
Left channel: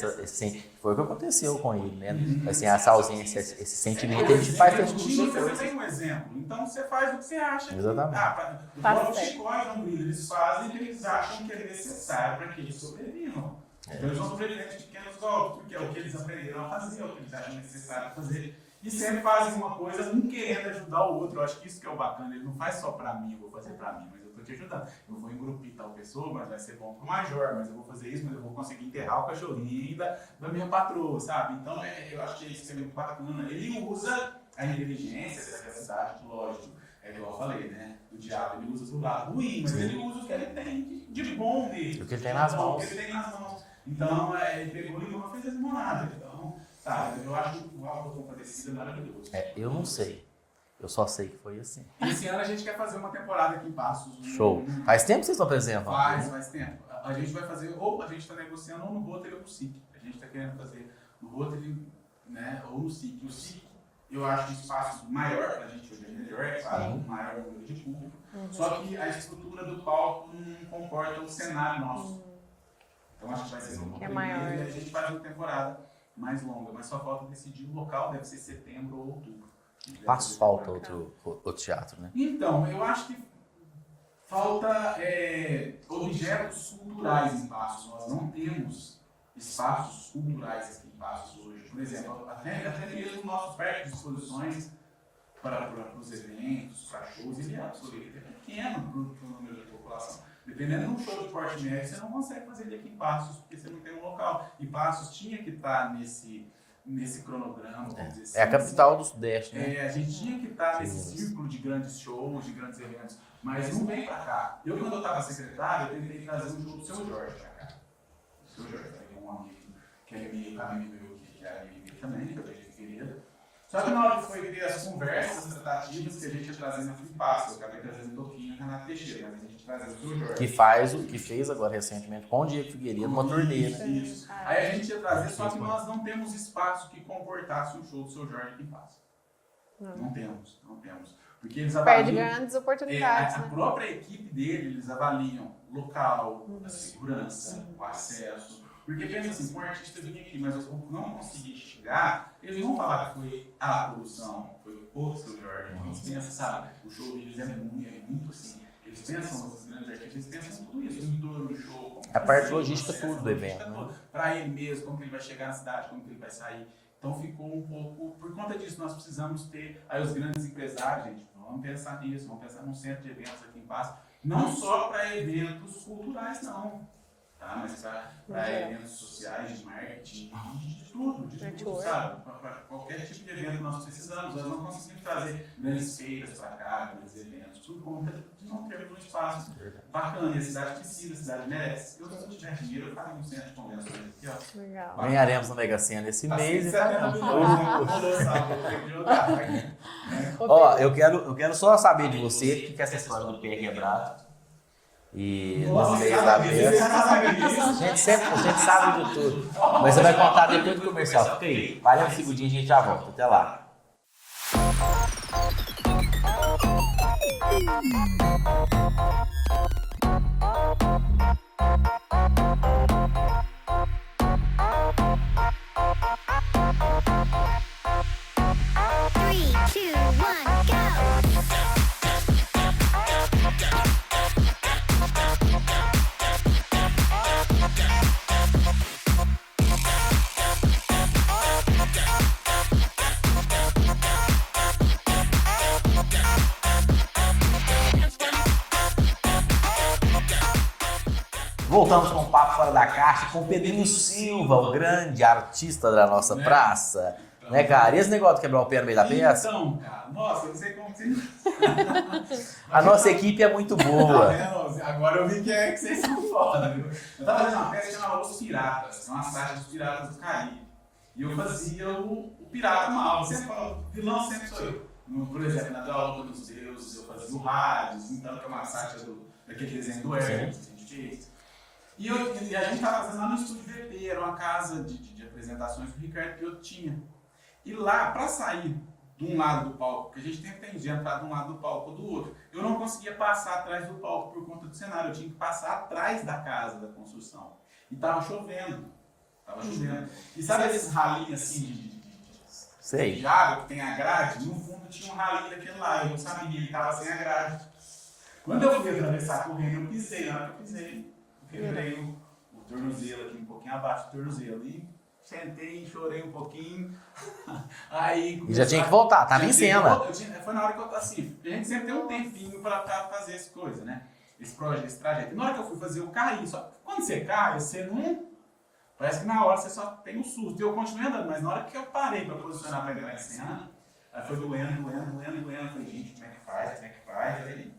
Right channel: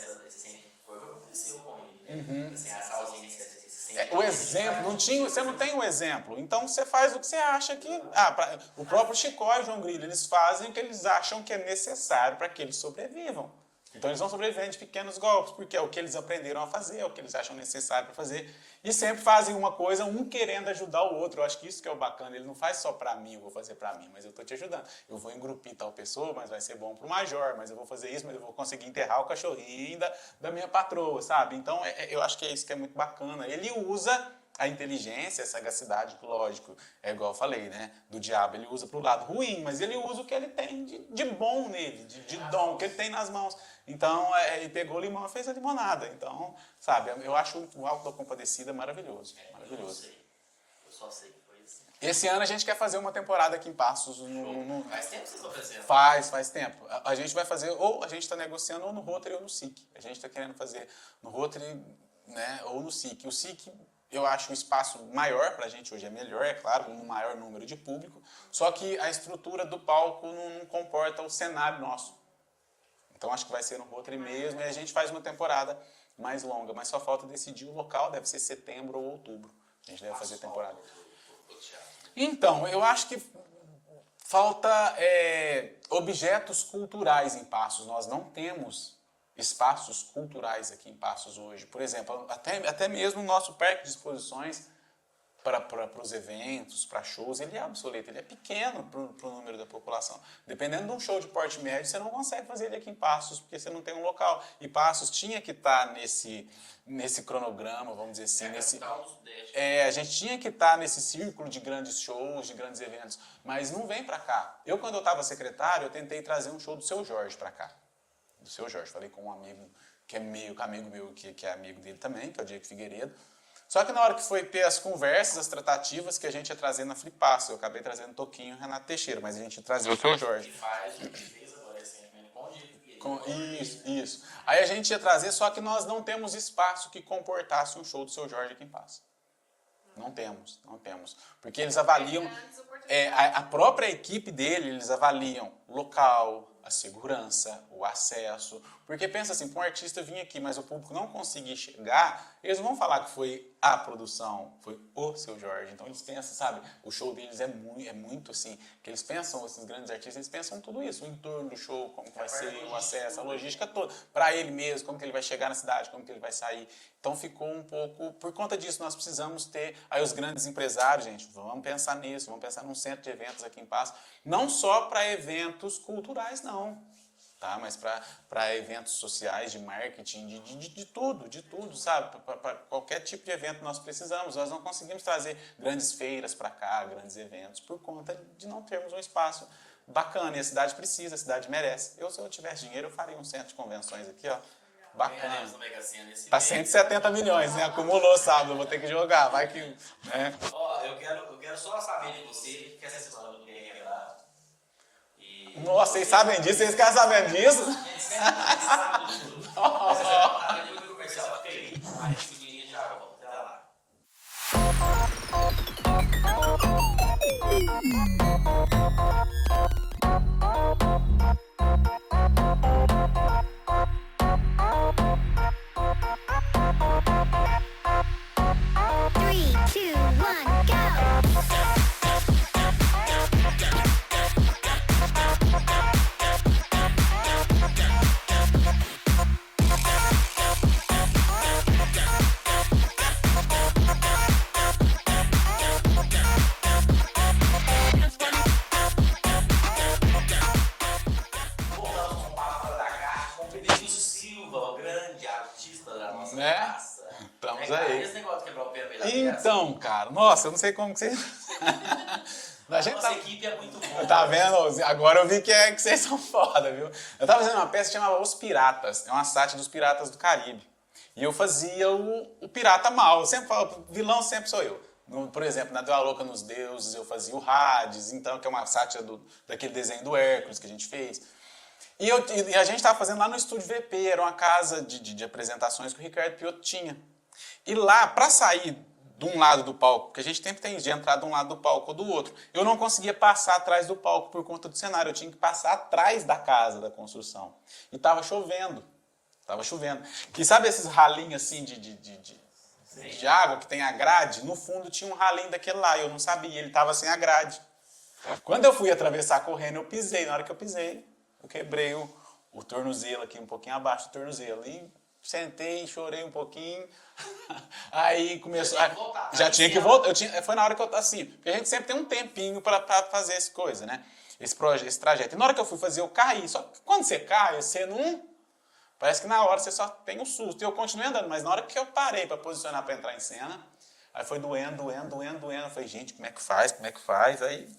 foi o que aconteceu com ele, né? Assim, essa ausência, esse sentimento que ele faz... Você não tem um exemplo, então você faz o que você acha que... o próprio Chicó e João Grilo, eles fazem o que eles acham que é necessário para que eles sobrevivam. Então eles vão sobreviver de pequenos golpes, porque é o que eles aprenderam a fazer, é o que eles acham necessário para fazer. E sempre fazem uma coisa, um querendo ajudar o outro. Eu acho que isso que é o bacana. Ele não faz só pra mim, eu vou fazer pra mim, mas eu tô te ajudando. Eu vou engrupir tal pessoa, mas vai ser bom pro major, mas eu vou fazer isso, mas eu vou conseguir enterrar o cachorrinho ainda da minha patroa, sabe? Então, eu acho que é isso que é muito bacana. Ele usa a inteligência, a sagacidade, lógico. É igual eu falei, né? Do diabo, ele usa pro lado ruim, mas ele usa o que ele tem de bom nele. O que ele tem nas mãos. O que ele tem nas mãos. Então, ele pegou o limão e fez a limonada. Então, sabe, eu acho o Auto da Compadecida maravilhoso. Eu não sei. Eu só sei que foi assim. E esse ano a gente quer fazer uma temporada aqui em Passos. Show. Faz tempo que vocês estão apresentando? Faz tempo. A gente vai fazer, ou a gente está negociando ou no Rotary ou no SIC. A gente está querendo fazer no Rotary, né, ou no SIC. O SIC, eu acho um espaço maior, pra gente hoje é melhor, é claro, um maior número de público. Só que a estrutura do palco não comporta o cenário nosso. Então acho que vai ser no Rotary mesmo, e a gente faz uma temporada mais longa, mas só falta decidir o local, deve ser setembro ou outubro. Faz falta outro teatro, né? Então, eu acho que falta objetos culturais em Passos. Nós não temos espaços culturais aqui em Passos hoje. Por exemplo, até mesmo o nosso parque de exposições para os eventos, para shows, ele é obsoleto, ele é pequeno para o número da população. Dependendo de um show de porte médio, você não consegue fazer ele aqui em Passos, porque você não tem um local. E Passos tinha que estar nesse cronograma, vamos dizer assim. É a capital do Sudeste. Né? A gente tinha que estar nesse círculo de grandes shows, de grandes eventos, mas não vem para cá. Quando eu estava secretário, eu tentei trazer um show do Seu Jorge para cá. Do Seu Jorge, falei com um amigo, que é amigo meu, que é amigo dele também, que é o Diego Figueiredo. Só que na hora que foi ter as conversas, as tratativas que a gente ia trazer na Flipasso, eu acabei trazendo Toquinho e Renato Teixeira, mas a gente ia trazer o Seu Jorge. Que fez agora recentemente com o Diego Figueiredo, uma turnê. Isso. Aí a gente ia trazer, só que nós não temos espaço que comportasse um show do Seu Jorge aqui em Passo. Não temos. Porque eles avaliam... grandes oportunidades. A própria equipe dele, eles avaliam o local, a segurança, o acesso. Porque pensa assim, um artista vir aqui, mas o público não conseguir chegar, eles não vão falar que foi a produção, foi o Seu Jorge. Então eles pensam, sabe, o show deles é muito assim, que eles pensam, esses grandes artistas, eles pensam em tudo isso, o entorno do show, como a parte logística, tudo, a logística toda. Para ele mesmo, como que ele vai chegar na cidade, como que ele vai sair. Então ficou um pouco, por conta disso, nós precisamos ter aí os grandes empresários, gente, vamos pensar nisso, vamos pensar num centro de eventos aqui em Passo, não só para eventos culturais, não. Tá? Mas para eventos sociais, de marketing, de tudo, sabe? Para qualquer tipo de evento nós precisamos. Nós não conseguimos trazer grandes feiras para cá, grandes eventos, por conta de não termos um espaço bacana. E a cidade precisa, a cidade merece. Se eu tivesse dinheiro, eu faria um centro de convenções aqui, ó. Legal. Ganharemos na Mega Sena esse mês. A 170 milhões, né? Acumulou, sabe? Eu vou ter que jogar. Vai que, Ó, eu quero só saber de você o que é essa história do pé quebrado. Vocês sabem disso, vocês querem saber disso? A gente sabe de tudo. Mas você vai contar depois do comercial. Fica aí. Para um segundinho e a gente já volta. Até lá. voltamos com o Papo Fora da Caixa com o Pedrinho Silva, o grande artista da nossa praça. Né, cara? E esse negócio de quebrar o pé no meio da peça? Então, cara, nossa, eu não sei como que você... A nossa equipe é muito boa. Tá vendo? Agora eu vi que vocês são foda, viu? Eu tava fazendo uma peça que chamava Os Piratas. É uma sátira dos piratas do Caribe. E eu fazia o pirata mal. Eu sempre falo, vilão sempre sou eu. Por exemplo, na Deu a Louca nos Deuses, eu fazia o Hades, então, que é uma sátira daquele desenho do Hércules que a gente fez. E a gente estava fazendo lá no Estúdio VP, era uma casa de apresentações que o Ricardo Piotto tinha. E lá, para sair de um lado do palco, porque a gente sempre tem de entrar de um lado do palco ou do outro, eu não conseguia passar atrás do palco por conta do cenário, eu tinha que passar atrás da casa, da construção. E estava chovendo. E sabe esses ralinhos assim de água que tem a grade? No fundo tinha um ralinho daquele lá, eu não sabia, ele estava sem a grade. Quando eu fui atravessar correndo, eu pisei. Na hora que eu pisei, eu quebrei o tornozelo aqui, um pouquinho abaixo do tornozelo. E sentei, chorei um pouquinho. Aí comecei. Já tinha que voltar, tá? Já tinha que voltar. Foi na hora que eu assim. Porque a gente sempre tem um tempinho para fazer essa coisa, né? Esse trajeto. E na hora que eu fui fazer, eu caí. Só que quando você cai, você não. Parece que na hora você só tem um susto. Eu continuei andando, mas na hora que eu parei para posicionar para entrar em cena, aí foi doendo. Eu falei, gente, como é que faz? Aí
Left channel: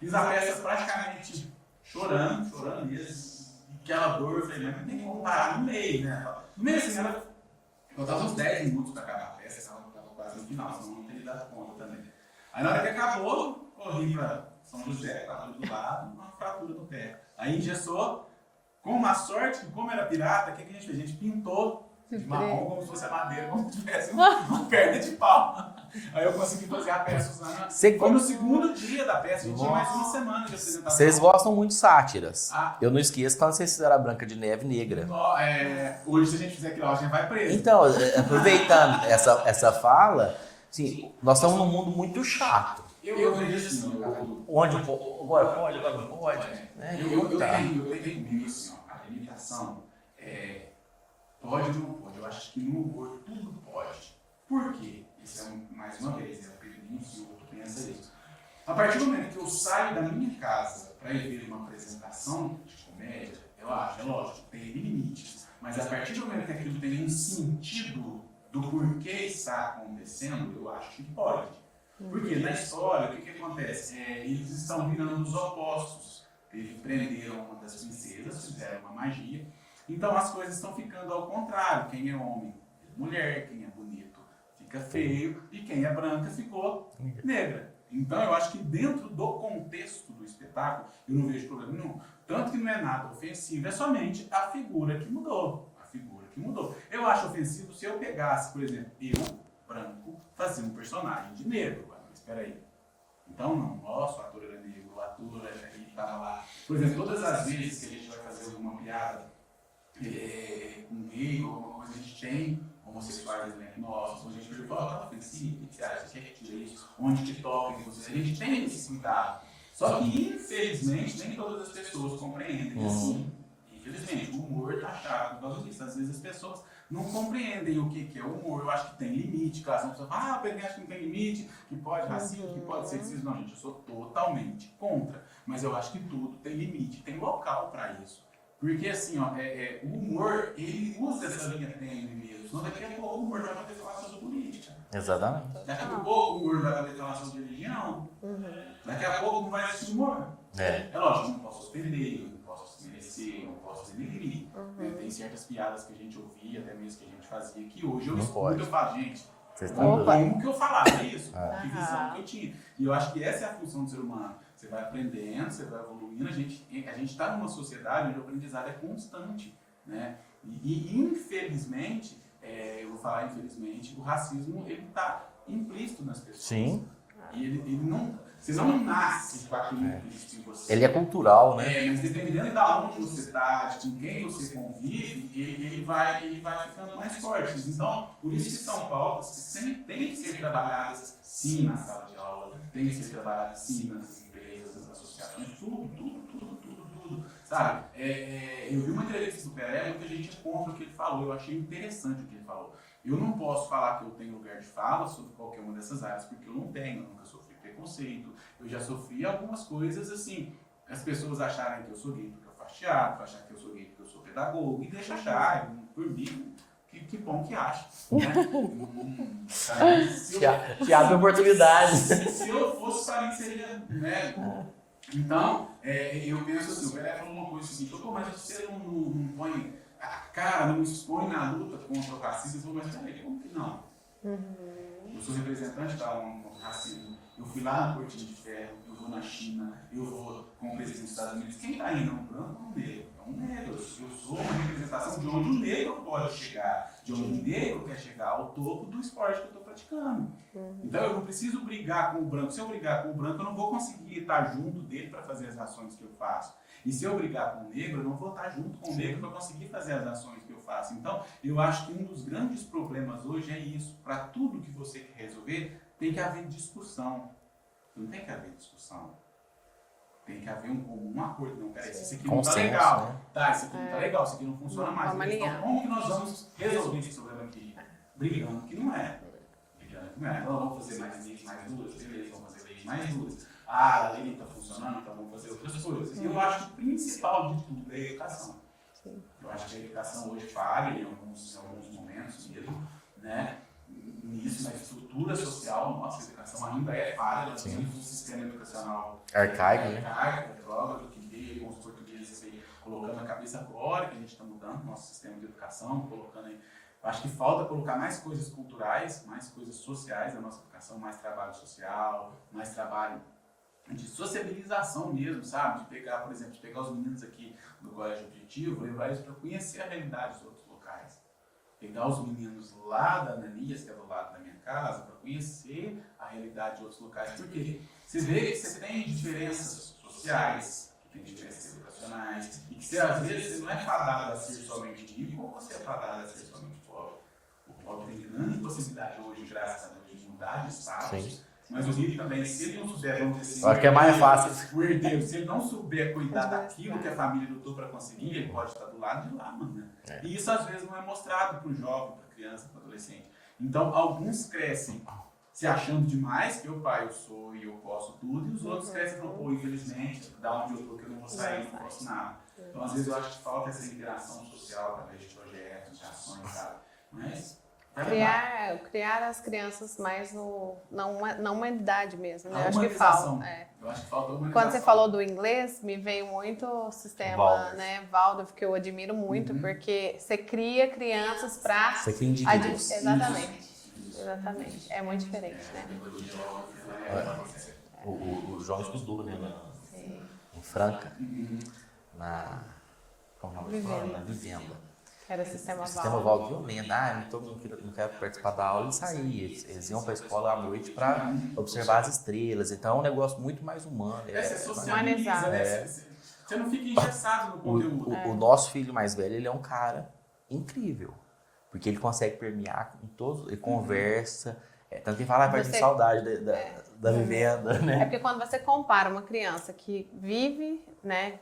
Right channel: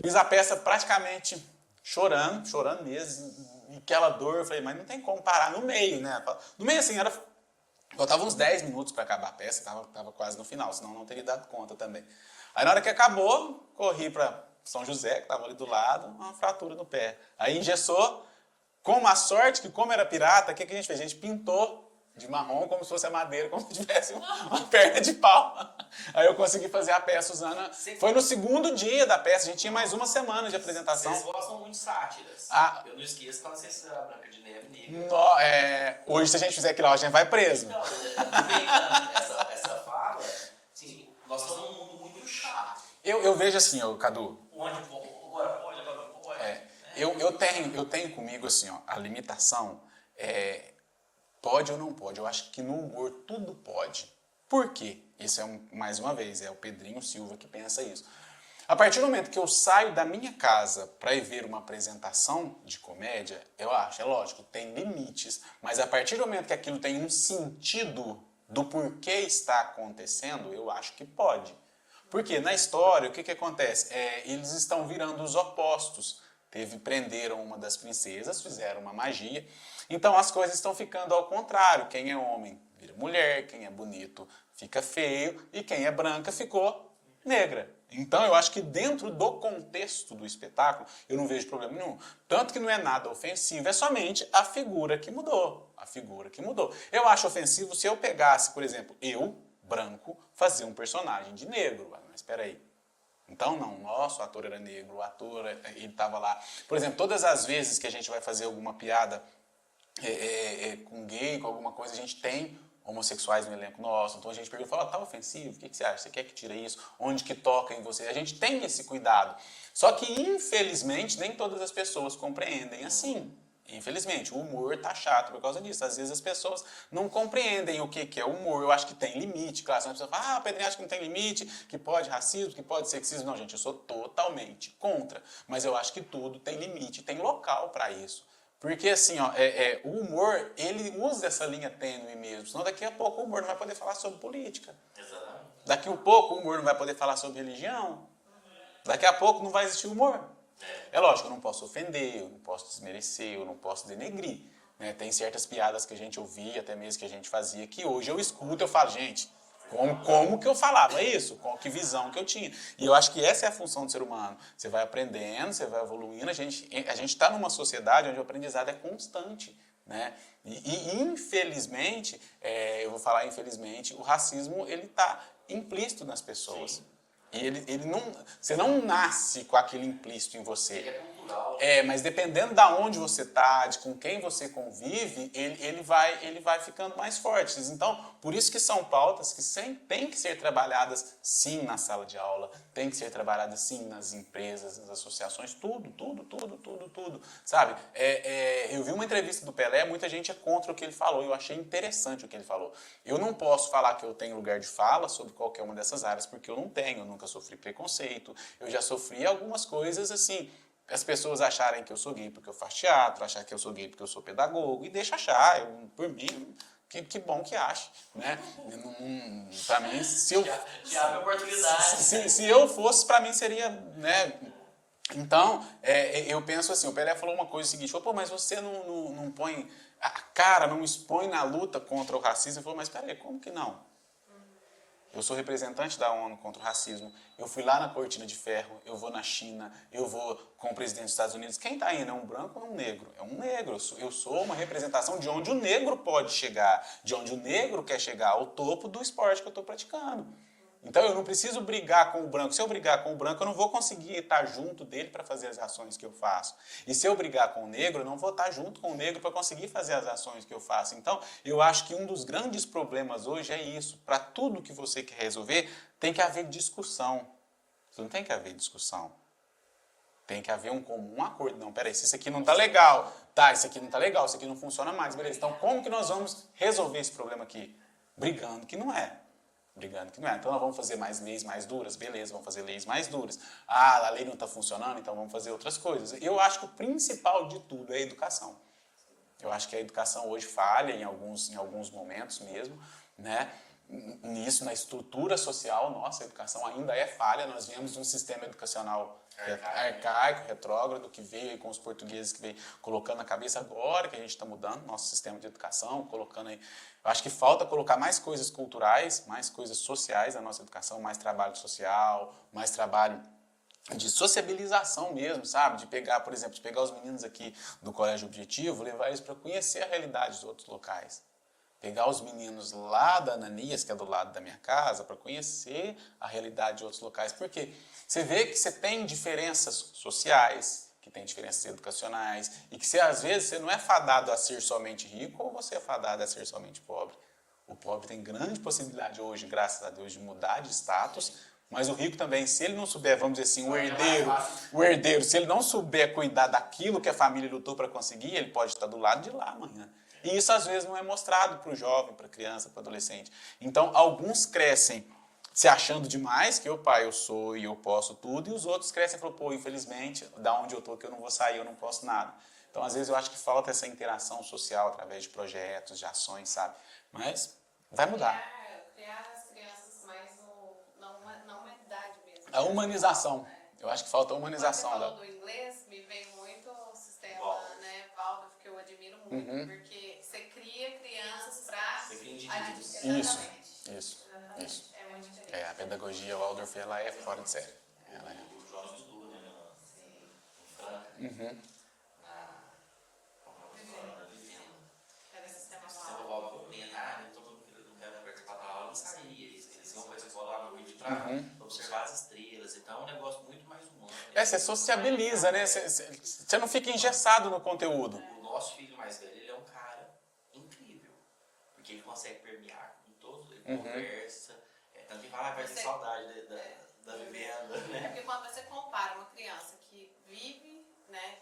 fiz a peça praticamente chorando mesmo. E aquela dor, eu falei, mas não tem como parar no meio, né? No meio, assim, faltava uns 10 minutos para acabar a peça, tava quase no final, senão não teria dado conta também. Aí na hora que acabou, corri para São José, que estava ali do lado, uma fratura no pé. Aí engessou, com uma sorte que, como era pirata, o que a gente fez? A gente pintou de marrom como se fosse a madeira, como se tivesse uma perna de pau. Aí eu consegui fazer a peça usando... Foi no segundo dia da peça, a gente tinha mais uma semana de apresentação. Vocês gostam muito de sátiras. Eu não esqueço quando vocês fizeram a Branca de Neve Negra. Hoje, se a gente fizer aquilo, a gente vai preso. Então, aproveitando essa fala, assim, nós estamos num mundo muito chato. Eu vejo assim, Cadu. Onde pode. Eu tenho comigo assim, a limitação pode ou não pode. Eu acho que no humor tudo pode. Por quê? Esse mais uma vez, é o Pedrinho Silva que pensa isso. A partir do momento que eu saio da minha casa para ir ver uma apresentação de comédia, eu acho, é lógico, tem limites, mas a partir do momento que aquilo tem um sentido do porquê está acontecendo, eu acho que pode. Porque na história, o que acontece? Eles estão virando os opostos. Prenderam uma das princesas, fizeram uma magia. Então as coisas estão ficando ao contrário. Quem é homem vira mulher, quem é bonito fica feio e quem é branca ficou negra. Então eu acho que dentro do contexto do espetáculo eu não vejo problema nenhum. Tanto que não é nada ofensivo, é somente a figura que mudou. Eu acho ofensivo se eu pegasse, por exemplo, eu, branco, fazia um personagem de negro. Mas espera aí. Então, não, nossa, o ator era negro, o ator, ele estava lá. Por exemplo, todas as vezes que a gente vai fazer alguma piada com gay, com alguma coisa, a gente tem homossexuais no elenco nosso. Então a gente pergunta, estava ofensivo, o que você acha? Você quer que tire isso? Onde que toca em você? A gente tem esse cuidado. Só que, infelizmente, nem todas as pessoas compreendem assim. Infelizmente, o humor tá chato por causa disso. Às vezes as pessoas não compreendem o que é humor. Eu acho que tem limite. Claro, as pessoas falam, o Pedrinho acha que não tem limite, que pode racismo, que pode sexismo. Não, gente, eu sou totalmente contra. Mas eu acho que tudo tem limite, tem local para isso. Porque assim, o humor, ele usa essa linha tênue mesmo. Senão daqui a pouco o humor não vai poder falar sobre política. Exatamente. Daqui a pouco o humor não vai poder falar sobre religião. Daqui a pouco não vai existir humor. É lógico, eu não posso ofender, eu não posso desmerecer, eu não posso denegrir. Né? Tem certas piadas que a gente ouvia, até mesmo que a gente fazia, que hoje eu escuto e eu falo, gente, como que eu falava isso? Que visão que eu tinha. E eu acho que essa é a função do ser humano. Você vai aprendendo, você vai evoluindo. A gente está numa sociedade onde o aprendizado é constante. Né? E infelizmente, eu vou falar infelizmente, o racismo ele está implícito nas pessoas. Sim. E você não nasce com aquilo implícito em você. Ele é cultural, né? Mas dependendo de onde você está, de com quem você convive, ele vai ficando mais forte. Então, por isso que são pautas que sempre têm que ser trabalhadas, sim, na sala de aula, tem que ser trabalhadas, sim, nas empresas, nas associações, tudo, sabe? Eu vi uma entrevista do Pelé, muita gente é contra o que ele falou, eu achei interessante o que ele falou. Eu não posso falar que eu tenho lugar de fala sobre qualquer uma dessas áreas, porque eu não tenho, eu nunca sofri preconceito, eu já sofri algumas coisas assim, as pessoas acharem que eu sou gay porque eu faço teatro, achar que eu sou gay porque eu sou pedagogo, e deixa achar, por mim, que bom que acha, né? Pra mim, que abre oportunidade. Se eu fosse, pra mim seria, né? Então, eu penso assim, o Pelé falou uma coisa seguinte, pô, mas você não põe a cara, não expõe na luta contra o racismo. Ele falou, mas peraí, como que não? Eu sou representante da ONU contra o racismo. Eu fui lá na Cortina de Ferro, eu vou na China, eu vou com o presidente dos Estados Unidos. Quem está indo? É um branco ou um negro? É um negro. Eu sou uma representação de onde o negro pode chegar, de onde o negro quer chegar ao topo do esporte que eu estou praticando. Então eu não preciso brigar com o branco. Se eu brigar com o branco, eu não vou conseguir estar junto dele para fazer as ações que eu faço. E se eu brigar com o negro, eu não vou estar junto com o negro para conseguir fazer as ações que eu faço. Então, eu acho que um dos grandes problemas hoje é isso. Para tudo que você quer resolver, tem que haver discussão. Não tem que haver discussão. Tem que haver um acordo. Não, peraí, isso aqui não está legal. Tá, isso aqui não está legal, isso aqui não funciona mais. Então, como que nós vamos resolver esse problema aqui? Brigando que não é. Brigando que não é. Então, nós vamos fazer mais leis mais duras? Beleza, vamos fazer leis mais duras. Ah, a lei não está funcionando, então vamos fazer outras coisas. E eu acho que o principal de tudo é a educação. Eu acho que a educação hoje falha em alguns momentos mesmo, né? Nisso, na estrutura social, nossa, a educação ainda é falha. Nós vivemos um sistema educacional arcaico, retrógrado, que veio com os portugueses, que veio colocando na cabeça agora que a gente está mudando nosso sistema de educação, colocando aí. Eu acho que falta colocar mais coisas culturais, mais coisas sociais na nossa educação, mais trabalho social, mais trabalho de sociabilização mesmo, sabe? De pegar, por exemplo, os meninos aqui do Colégio Objetivo, levar eles para conhecer a realidade dos outros locais. Pegar os meninos lá da Ananias, que é do lado da minha casa, para conhecer a realidade de outros locais. Porque você vê que você tem diferenças sociais, que tem diferenças educacionais, e que às vezes você não é fadado a ser somente rico ou você é fadado a ser somente pobre. O pobre tem grande possibilidade hoje, graças a Deus, de mudar de status. Sim. Mas o rico também, se ele não souber, vamos dizer assim, é mais fácil. O herdeiro, se ele não souber cuidar daquilo que a família lutou para conseguir, ele pode estar do lado de lá amanhã. E isso às vezes não é mostrado para o jovem, para a criança, para o adolescente. Então, alguns crescem se achando demais, que eu sou e eu posso tudo, e os outros crescem e falam, pô, infelizmente, da onde eu estou que eu não vou sair, eu não posso nada. Então, às vezes eu acho que falta essa interação social através de projetos, de ações, sabe? Mas criar as crianças mais na humanidade mesmo. Né? A humanização. Eu acho que falta a humanização. Quando você falou do inglês, me veio muito o sistema Waldorf, que eu admiro muito, porque você cria crianças para... Você cria indivíduos. Exatamente. Isso. Exatamente. É muito diferente. A pedagogia Waldorf, ela é levada a sério. O João estudou, né? Em Franca. Na Vivenda. Era o sistema Waldorf, todo mundo que não quer participar da aula e sair. Eles iam para a escola à noite para observar as estrelas. Então é um negócio muito mais humano. Você sociabiliza, né? Você não fica engessado no conteúdo. O nosso filho mais velho, ele é um cara incrível. Porque ele consegue permear em todos, ele conversa. Tanto que ele fala, vai ter saudade da vivenda, né? É porque quando você compara uma criança que vive, né?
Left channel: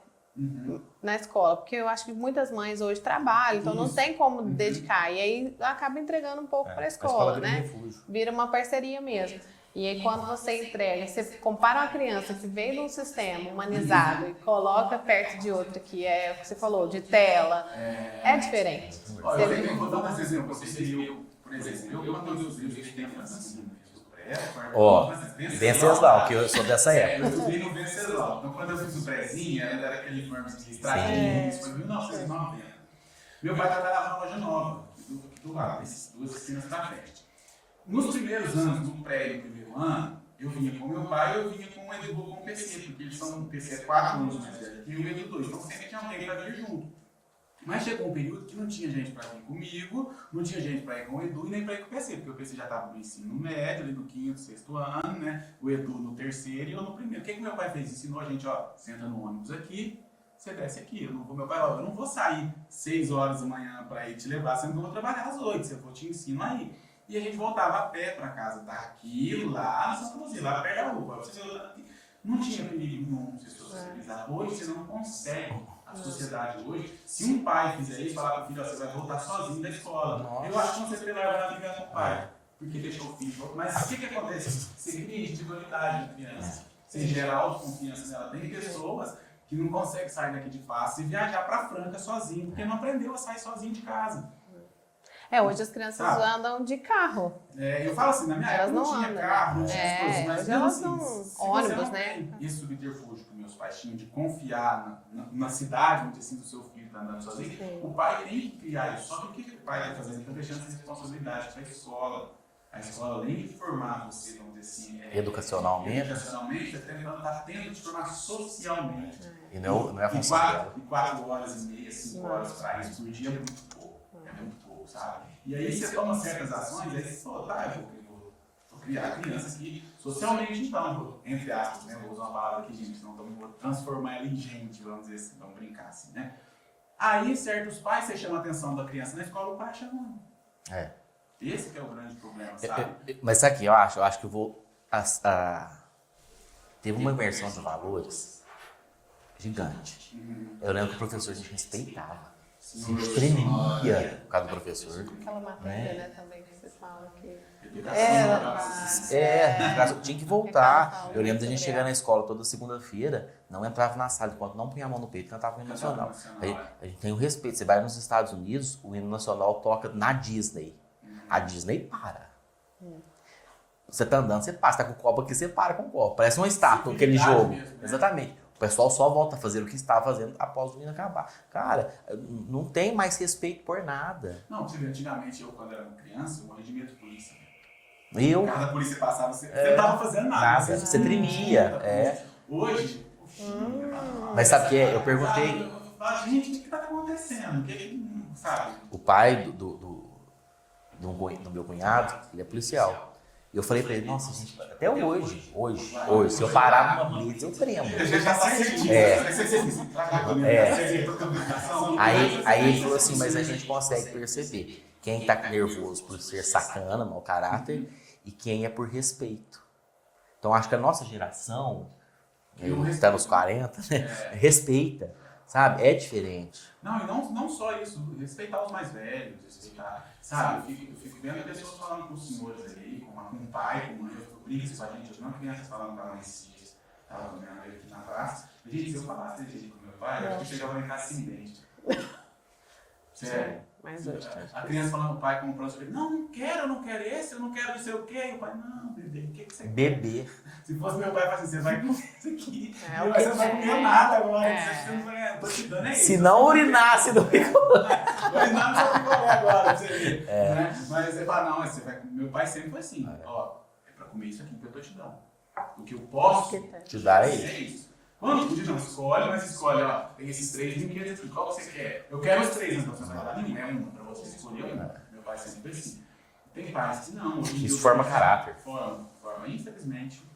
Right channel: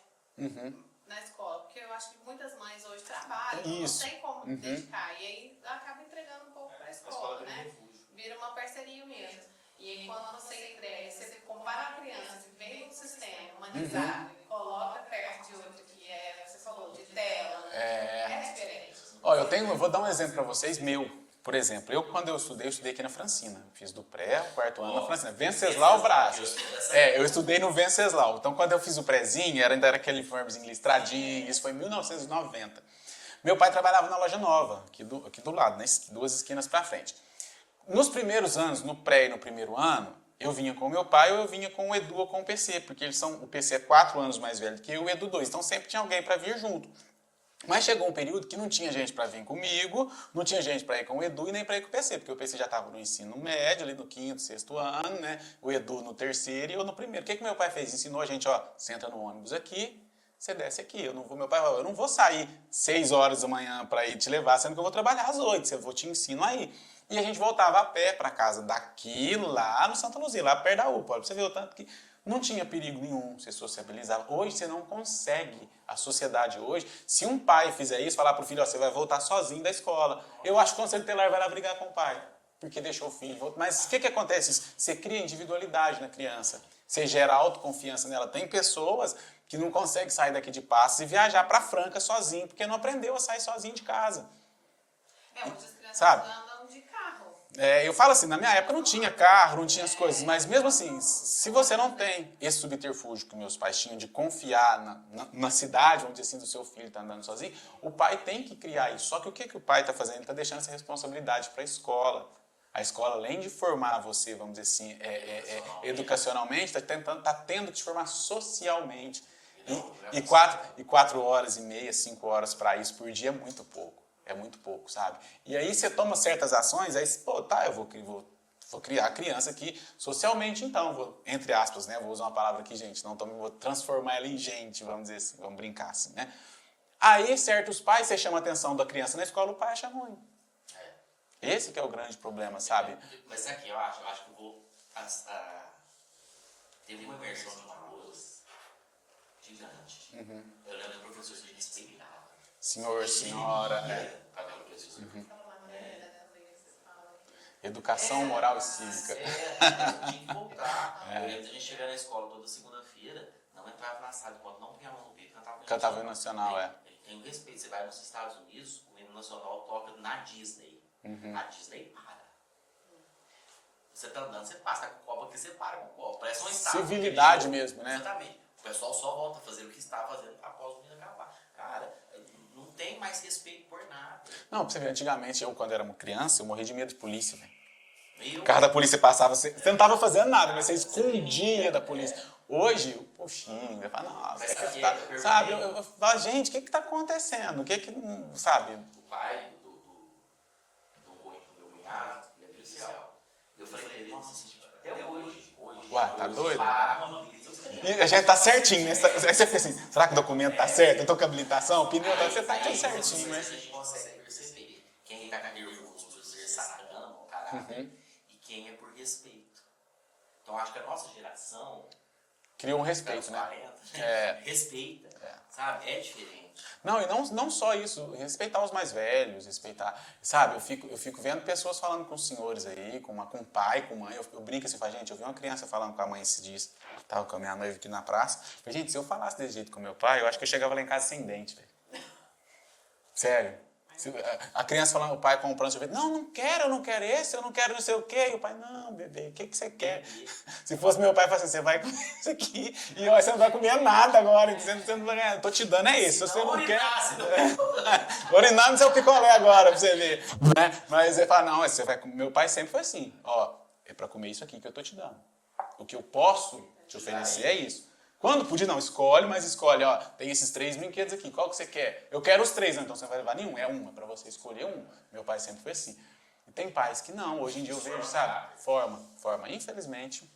Na escola, porque eu acho que muitas mães hoje trabalham, então não tem como dedicar, e aí acaba entregando um pouco para a escola, né? Vira uma parceria mesmo. E aí quando você entrega, você compara uma criança, se vem num sistema humanizado e coloca perto de outra que é o que você falou, de tela, é diferente. Eu vou dar um exemplo para vocês meu. Por exemplo, quando eu estudei aqui na Francina. Fiz do pré, quarto ano na Francina. Venceslau, que eu sou dessa época. Eu estudei no Venceslau. Então, quando eu fiz o prézinho, ainda era aquele uniformezinho listradinho, isso foi em 1990. Meu pai trabalhava na loja nova, aqui do lado, nas 2 esquinas para frente. Nos primeiros anos, no pré e no primeiro ano, eu vinha com o meu pai ou eu vinha com o Edu ou com o PC, porque o PC é 4 anos mais velho que eu e o Edu 2. Então, sempre tinha alguém para vir junto. Mas chegou um período que não tinha gente para vir comigo, não tinha gente para ir com o Edu e nem para ir com o PC, porque o PC já estava no ensino médio, ali no 5º, 6º ano, né? O Edu no 3º e eu no 1º. O que meu pai fez? Ensinou a gente, você entra no ônibus aqui, você desce aqui. Meu pai falou, eu não vou sair 6 horas da manhã para ir te levar, sendo que eu vou trabalhar às 8, eu vou te ensino aí. E a gente voltava a pé para casa daqui, lá no Santa Luzia, lá perto da UPA. Você viu o tanto que não tinha perigo nenhum você socializar. Hoje você não consegue. A sociedade hoje, se um pai fizer isso, falar para o filho, você vai voltar sozinho da escola. Nossa. Eu acho que quando você tem lá, vai lá brigar com o pai, porque deixou o filho. Mas o que acontece? Você cria individualidade na criança. Você gera autoconfiança nela. Tem pessoas que não consegue sair daqui de Passos e viajar para Franca sozinho, porque não aprendeu a sair sozinho de casa. Hoje as crianças andam de carro. Eu falo assim, na minha época não tinha carro, não tinha as coisas, mas mesmo assim, ônibus, se você não né? tem esse subterfúgio que meus pais tinham de confiar na cidade onde assim, o seu filho está andando sozinho, o pai tem que criar isso. Só que o que o pai está fazendo? Ele está deixando essa responsabilidade para a escola. A escola, além de formar você, vamos dizer assim, educacionalmente, está tendo de te formar socialmente. E não é e 4h30, 5 horas para isso por dia é muito pouco. É muito pouco, sabe? E aí você toma certas ações, aí pô, tá, eu vou criar a criança aqui socialmente, então, entre aspas, né? Vou usar uma palavra aqui, gente, não vou transformar ela em gente, vamos dizer assim, vamos brincar assim, né? Aí, certos pais, você chama a atenção da criança na escola, o pai acha ruim. Esse que é o grande problema, sabe? Mas sabe o que eu acho? Eu acho que eu vou... Teve uma imersão de valores gigante. Eu lembro que o professor a gente respeitava. Senhor, tremia por causa do professor. Aquela matéria, né, também que vocês falam que... Educação moral. Tinha que voltar. Eu lembro da gente chegar na escola toda segunda-feira, não entrava na sala enquanto não punha a mão no peito, cantava o hino nacional. A gente tem o respeito. Você vai nos Estados Unidos, o hino nacional toca na Disney. A Disney para. Você tá andando, você passa. Tá com o copo aqui, você para com o copo. Parece uma estátua, aquele jogo. Mesmo, né? Exatamente. O pessoal só volta a fazer o que estava fazendo após o hino acabar. Cara, não tem mais respeito por nada. Não, pra você ver, antigamente, eu quando era uma criança, eu morria de medo de polícia. O carro da polícia passava, você não estava fazendo nada. Você tremia. Hoje, poxinho, mas sabe o que é? Eu perguntei... Eu falo, gente, o que está acontecendo? O que sabe? O pai do meu cunhado, ele é policial. E eu falei pra ele, nossa, gente, até hoje, se eu parar numa blitz, eu tremo. A gente tá certinho. Aí você pensa assim, será que o documento tá certo? Tô com a habilitação? Aí ele falou assim, mas a gente consegue perceber quem tá nervoso por ser sacana, mau caráter, e quem é por respeito. Então acho que a nossa geração, que está nos 40, né, respeita. Sabe? É diferente. Não, e não só isso, respeitar os mais velhos, respeitar, sabe? Eu fico vendo pessoas falando com os senhores aí, com o pai, com a mãe, eu brinco assim com a gente, eu vi uma criança falando com a mãe esses dias, tava com a minha noiva aqui na praça, mas, gente, se eu falasse desse jeito com meu pai, eu acho que eu chegava lá em casa sem dente. Sério. A criança falando, o pai comprando sorvete, não quero, eu não quero esse, eu não quero não sei o quê. E o pai, não, bebê, o que você quer? Se fosse meu pai, falasse assim, você vai comer isso aqui, e você não vai comer nada agora, você não vai ganhar, tô te dando isso. Se não urinasse no urinar no seu picolé agora, pra você ver. Né? Mas você fala, não, você vai comer. Meu pai sempre foi assim, ó, é pra comer isso aqui que eu tô te dando. O que eu posso te dar é isso. Quando podia, não, escolhe, mas escolhe, ó, tem esses 3 brinquedos aqui, qual que você quer? Eu quero os 3, então você não vai levar nenhum, é uma, pra você escolher uma. Meu pai sempre foi assim. Tem pais que não, hoje em dia... Isso forma caráter. Forma, infelizmente.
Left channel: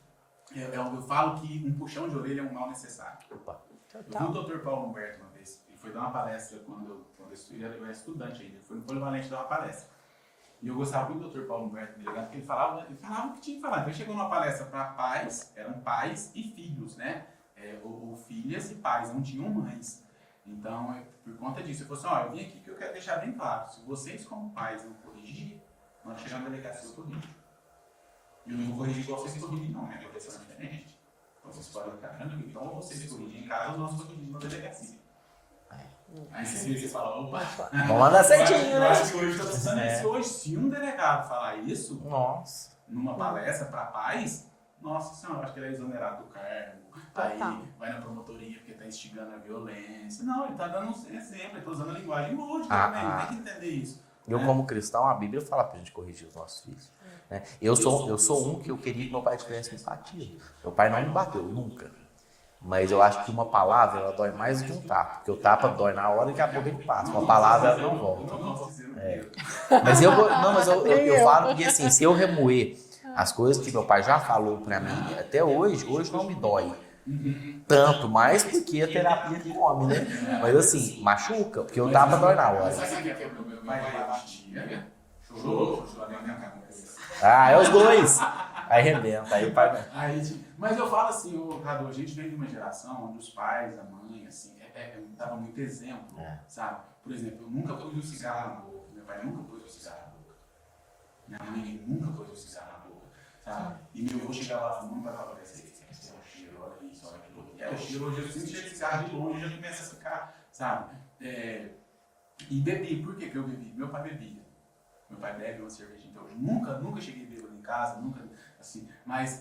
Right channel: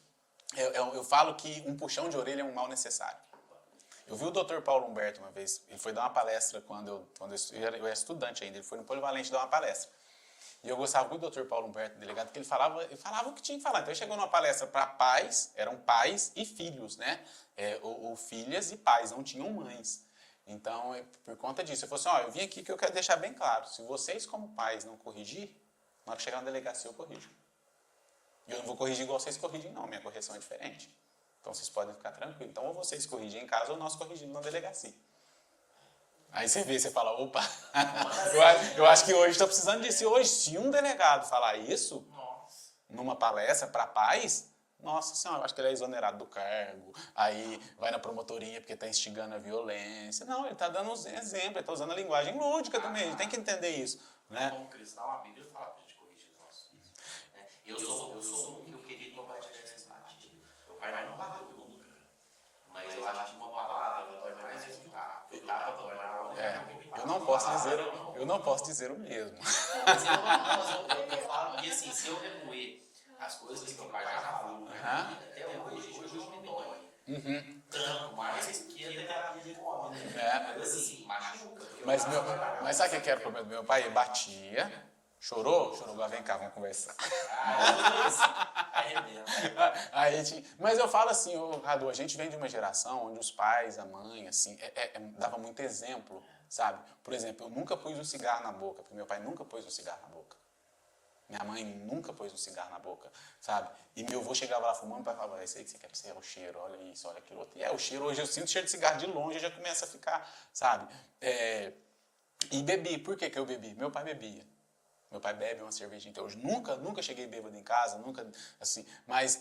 Eu falo que um puxão de orelha é um mal necessário. Eu vi o Dr. Paulo Humberto uma vez, ele foi dar uma palestra quando eu era estudante ainda, ele foi no Polivalente dar uma palestra. E eu gostava muito do Dr. Paulo Humberto, delegado, porque ele falava o que tinha que falar. Então ele chegou numa palestra para pais, eram pais e filhos, né? Ou filhas e pais, não tinham mães. Então, por conta disso, eu falei assim, eu vim aqui que eu quero deixar bem claro, se vocês como pais não corrigirem, na hora que chegar na delegacia eu corrijo. E eu não vou corrigir igual vocês corrigem não, minha correção é diferente. Então vocês podem ficar tranquilos. Então ou vocês corrigem em casa ou nós corrigimos na delegacia. Aí você vê, você fala, opa, vamos lá certinho. Eu acho que hoje está precisando disso. Hoje, se um delegado falar isso, numa palestra para pais, nossa senhora, acho que ele é exonerado do cargo, aí vai na promotoria porque está instigando a violência. Não, ele está dando um exemplo, ele está usando a linguagem lúdica também, a gente tem que entender isso. Eu, como cristão, a Bíblia fala pra gente corrigir os nossos filhos. Né? Eu sou um que eu queria que meu pai tivesse empatia. Meu pai não me bateu, nunca. Mas eu acho que uma palavra, ela dói mais do que um tapa. Porque o tapa dói na hora e daqui a pouco ele passa. Uma palavra, ela não volta. Eu não posso dizer o mesmo. Mas eu falo porque assim, se eu remoer as coisas que meu pai já falou pra mim, até hoje não me dói. Tanto mais porque a terapia de come, né? Mas assim, machuca, porque o tapa dói na hora. Mas sabe o que é? Meu pai batia, chorou, vem cá pra conversar. É os dois. Aí arrebenta, mas eu falo assim, Cadu, a gente vem de uma geração onde os pais, a mãe, assim, dava muito exemplo, sabe? Por exemplo, eu nunca pus um cigarro na boca, meu pai nunca pôs um cigarro na boca. Minha mãe nunca pôs um cigarro na boca, sabe? E meu avô chegava lá fumando, pai falava, esse aí que você quer, esse é o cheiro, olha isso, olha aquilo outro. o cheiro, hoje eu sinto cheiro de cigarro de longe, já começa a ficar, sabe? E bebi. Por que eu bebi? Meu pai bebia. Meu pai bebe uma cervejinha até hoje. Nunca cheguei bêbado em casa, nunca, assim. Mas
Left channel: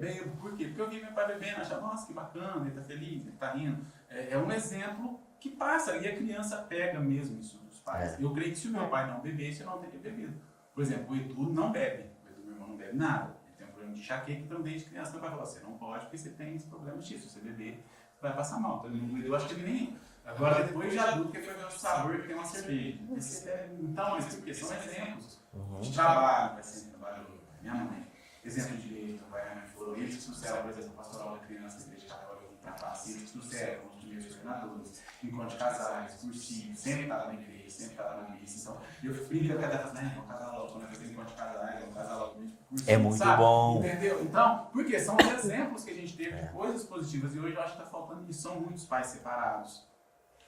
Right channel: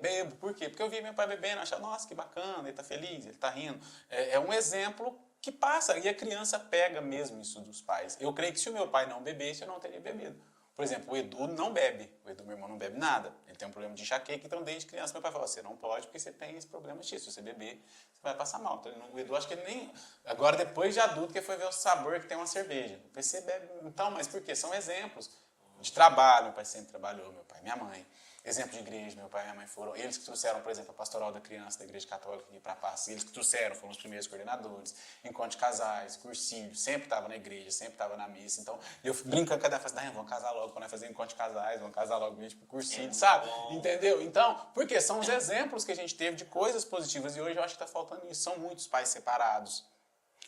bebo, por quê? Porque eu vi meu pai bebendo, achava, nossa, que bacana, ele tá feliz, ele tá rindo. É um exemplo que passa, e a criança pega mesmo isso dos pais. Eu creio que se o meu pai não bebesse, eu não teria bebido. Por exemplo, o Edu não bebe. O Edu, meu irmão, não bebe nada. Ele tem um problema de enxaqueca, então desde criança meu pai falou, você não pode porque você tem esse problema X. Se você beber, você vai passar mal. Então, o Edu, acho que ele nem... Agora, depois de adulto, que ele foi ver o sabor que tem uma cerveja. Você bebe... Então, mas por quê? São exemplos de trabalho. Meu pai sempre trabalhou, meu pai, minha mãe. Exemplo de igreja, meu pai e minha mãe foram eles que trouxeram, por exemplo, a pastoral da criança da igreja católica aqui para a classe. Eles que trouxeram, foram os primeiros coordenadores, encontro de casais, cursinho, sempre estava na igreja, sempre estava na missa. Então, eu brinco com a cada festa, vamos casar logo, quando vai fazer encontro de casais, vamos casar logo, vem pro cursinho, É muito sabe? bom. Entendeu? Então, por quê? São os exemplos que a gente teve de coisas positivas e hoje eu acho que está faltando isso. São muitos pais separados,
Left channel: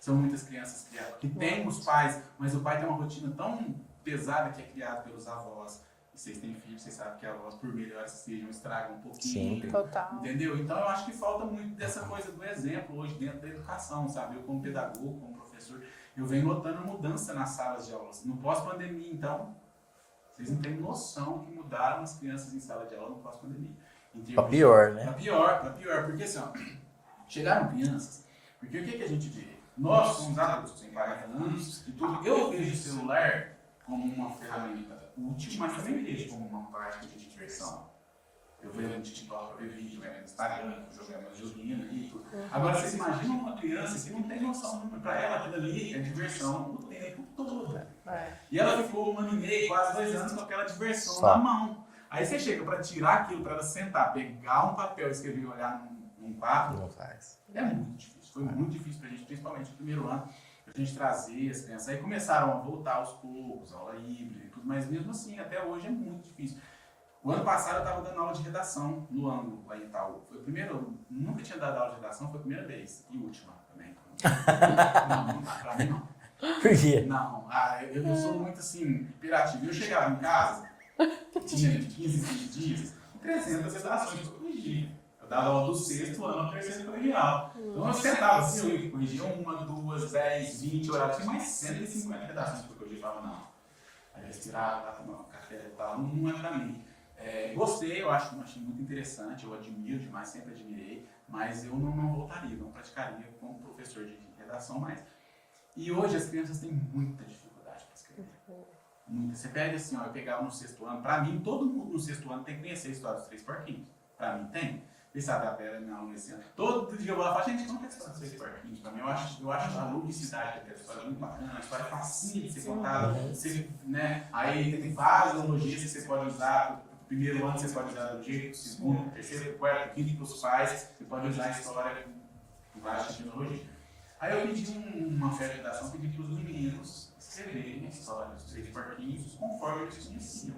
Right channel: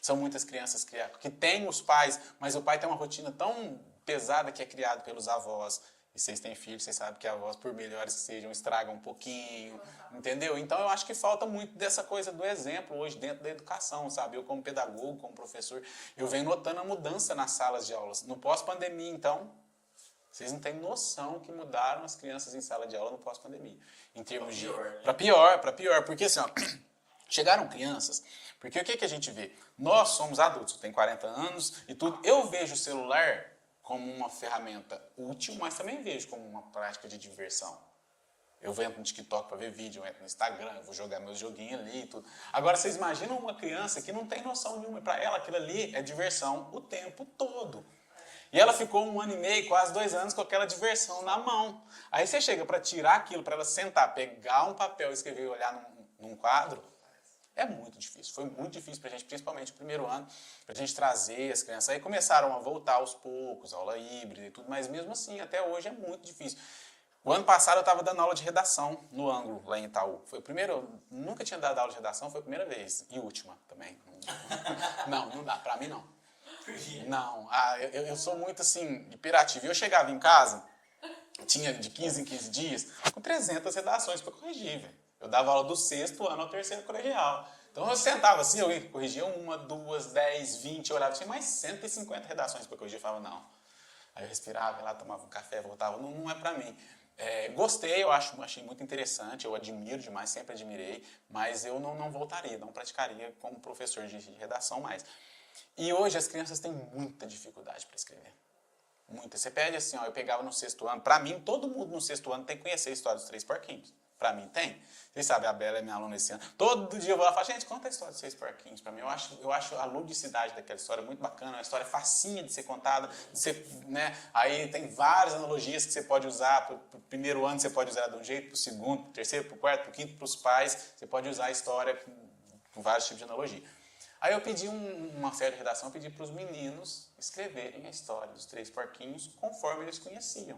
são muitas crianças criadas, que têm os pais, mas o pai tem uma rotina tão pesada que é criado pelos avós. E vocês têm filhos, vocês sabem que avós, por melhores que sejam, estragam um pouquinho. Sim, total. Entendeu? Então eu acho que falta muito dessa coisa do exemplo hoje dentro da educação, sabe? Eu como pedagogo, como professor, eu venho notando a mudança nas salas de aulas. No pós-pandemia, então, vocês não têm noção que mudaram as crianças em sala de aula no pós-pandemia. Pra pior, né? Pra pior. Porque assim, ó, chegaram crianças, porque o que a gente vê? Nós somos adultos, tem 40 anos e tudo. Eu vejo o celular como uma ferramenta útil, mas também vejo como uma prática de diversão. Eu venho no TikTok para ver vídeo, eu entro no Instagram, vou jogar meus joguinhos ali e tudo. Agora, vocês imaginam uma criança que não tem noção nenhuma. Para ela, aquilo ali é diversão o tempo todo. E ela ficou 1 ano e meio, quase 2 anos, com aquela diversão na mão. Aí você chega para tirar aquilo, para ela sentar, pegar um papel, escrever e olhar num quadro, é muito difícil. Foi muito difícil para a gente, principalmente no primeiro ano, para a gente trazer as crianças. Aí começaram a voltar aos poucos, aula híbrida e tudo, mas mesmo assim, até hoje é muito difícil. O ano passado eu estava dando aula de redação no Ângulo, lá em Itaú. Foi o primeiro, nunca tinha dado aula de redação, foi a primeira vez. E última também. Não dá, para mim não. Por quê? Não, eu sou muito assim, hiperativo. Eu chegava em casa, tinha de 15 em 15 dias, com 300 redações para corrigir. Eu dava aula do 6º ano ao 3º colegial. Então eu sentava assim, eu corrigia 1, 2, 10, 20, eu tinha mais 150 redações para corrigir. Eu falava, não. Aí eu respirava lá, tomava café, voltava, não é para mim. Gostei, achei muito interessante, eu admiro demais, sempre admirei, mas eu não voltaria, não praticaria como professor de redação mais. E hoje as crianças têm muita dificuldade para escrever. Muita. Você pede assim, ó, eu pegava no 6º ano, para mim todo mundo no 6º ano tem que conhecer a história dos 3 porquinhos. Para mim tem. Vocês sabem, a Bela é minha aluna esse ano. Todo dia eu vou lá e falo, gente, conta a história dos 6 porquinhos. Para mim, eu acho a ludicidade daquela história muito bacana, uma história facinha de ser contada. Você, né? Aí tem várias analogias que você pode usar. Para o primeiro ano você pode usar de um jeito, para o segundo, para o terceiro, para o quarto, para o quinto, para os pais. Você pode usar a história com vários tipos de analogia. Aí eu pedi uma feira de redação, pedi para os meninos escreverem a história dos 3 porquinhos conforme eles conheciam.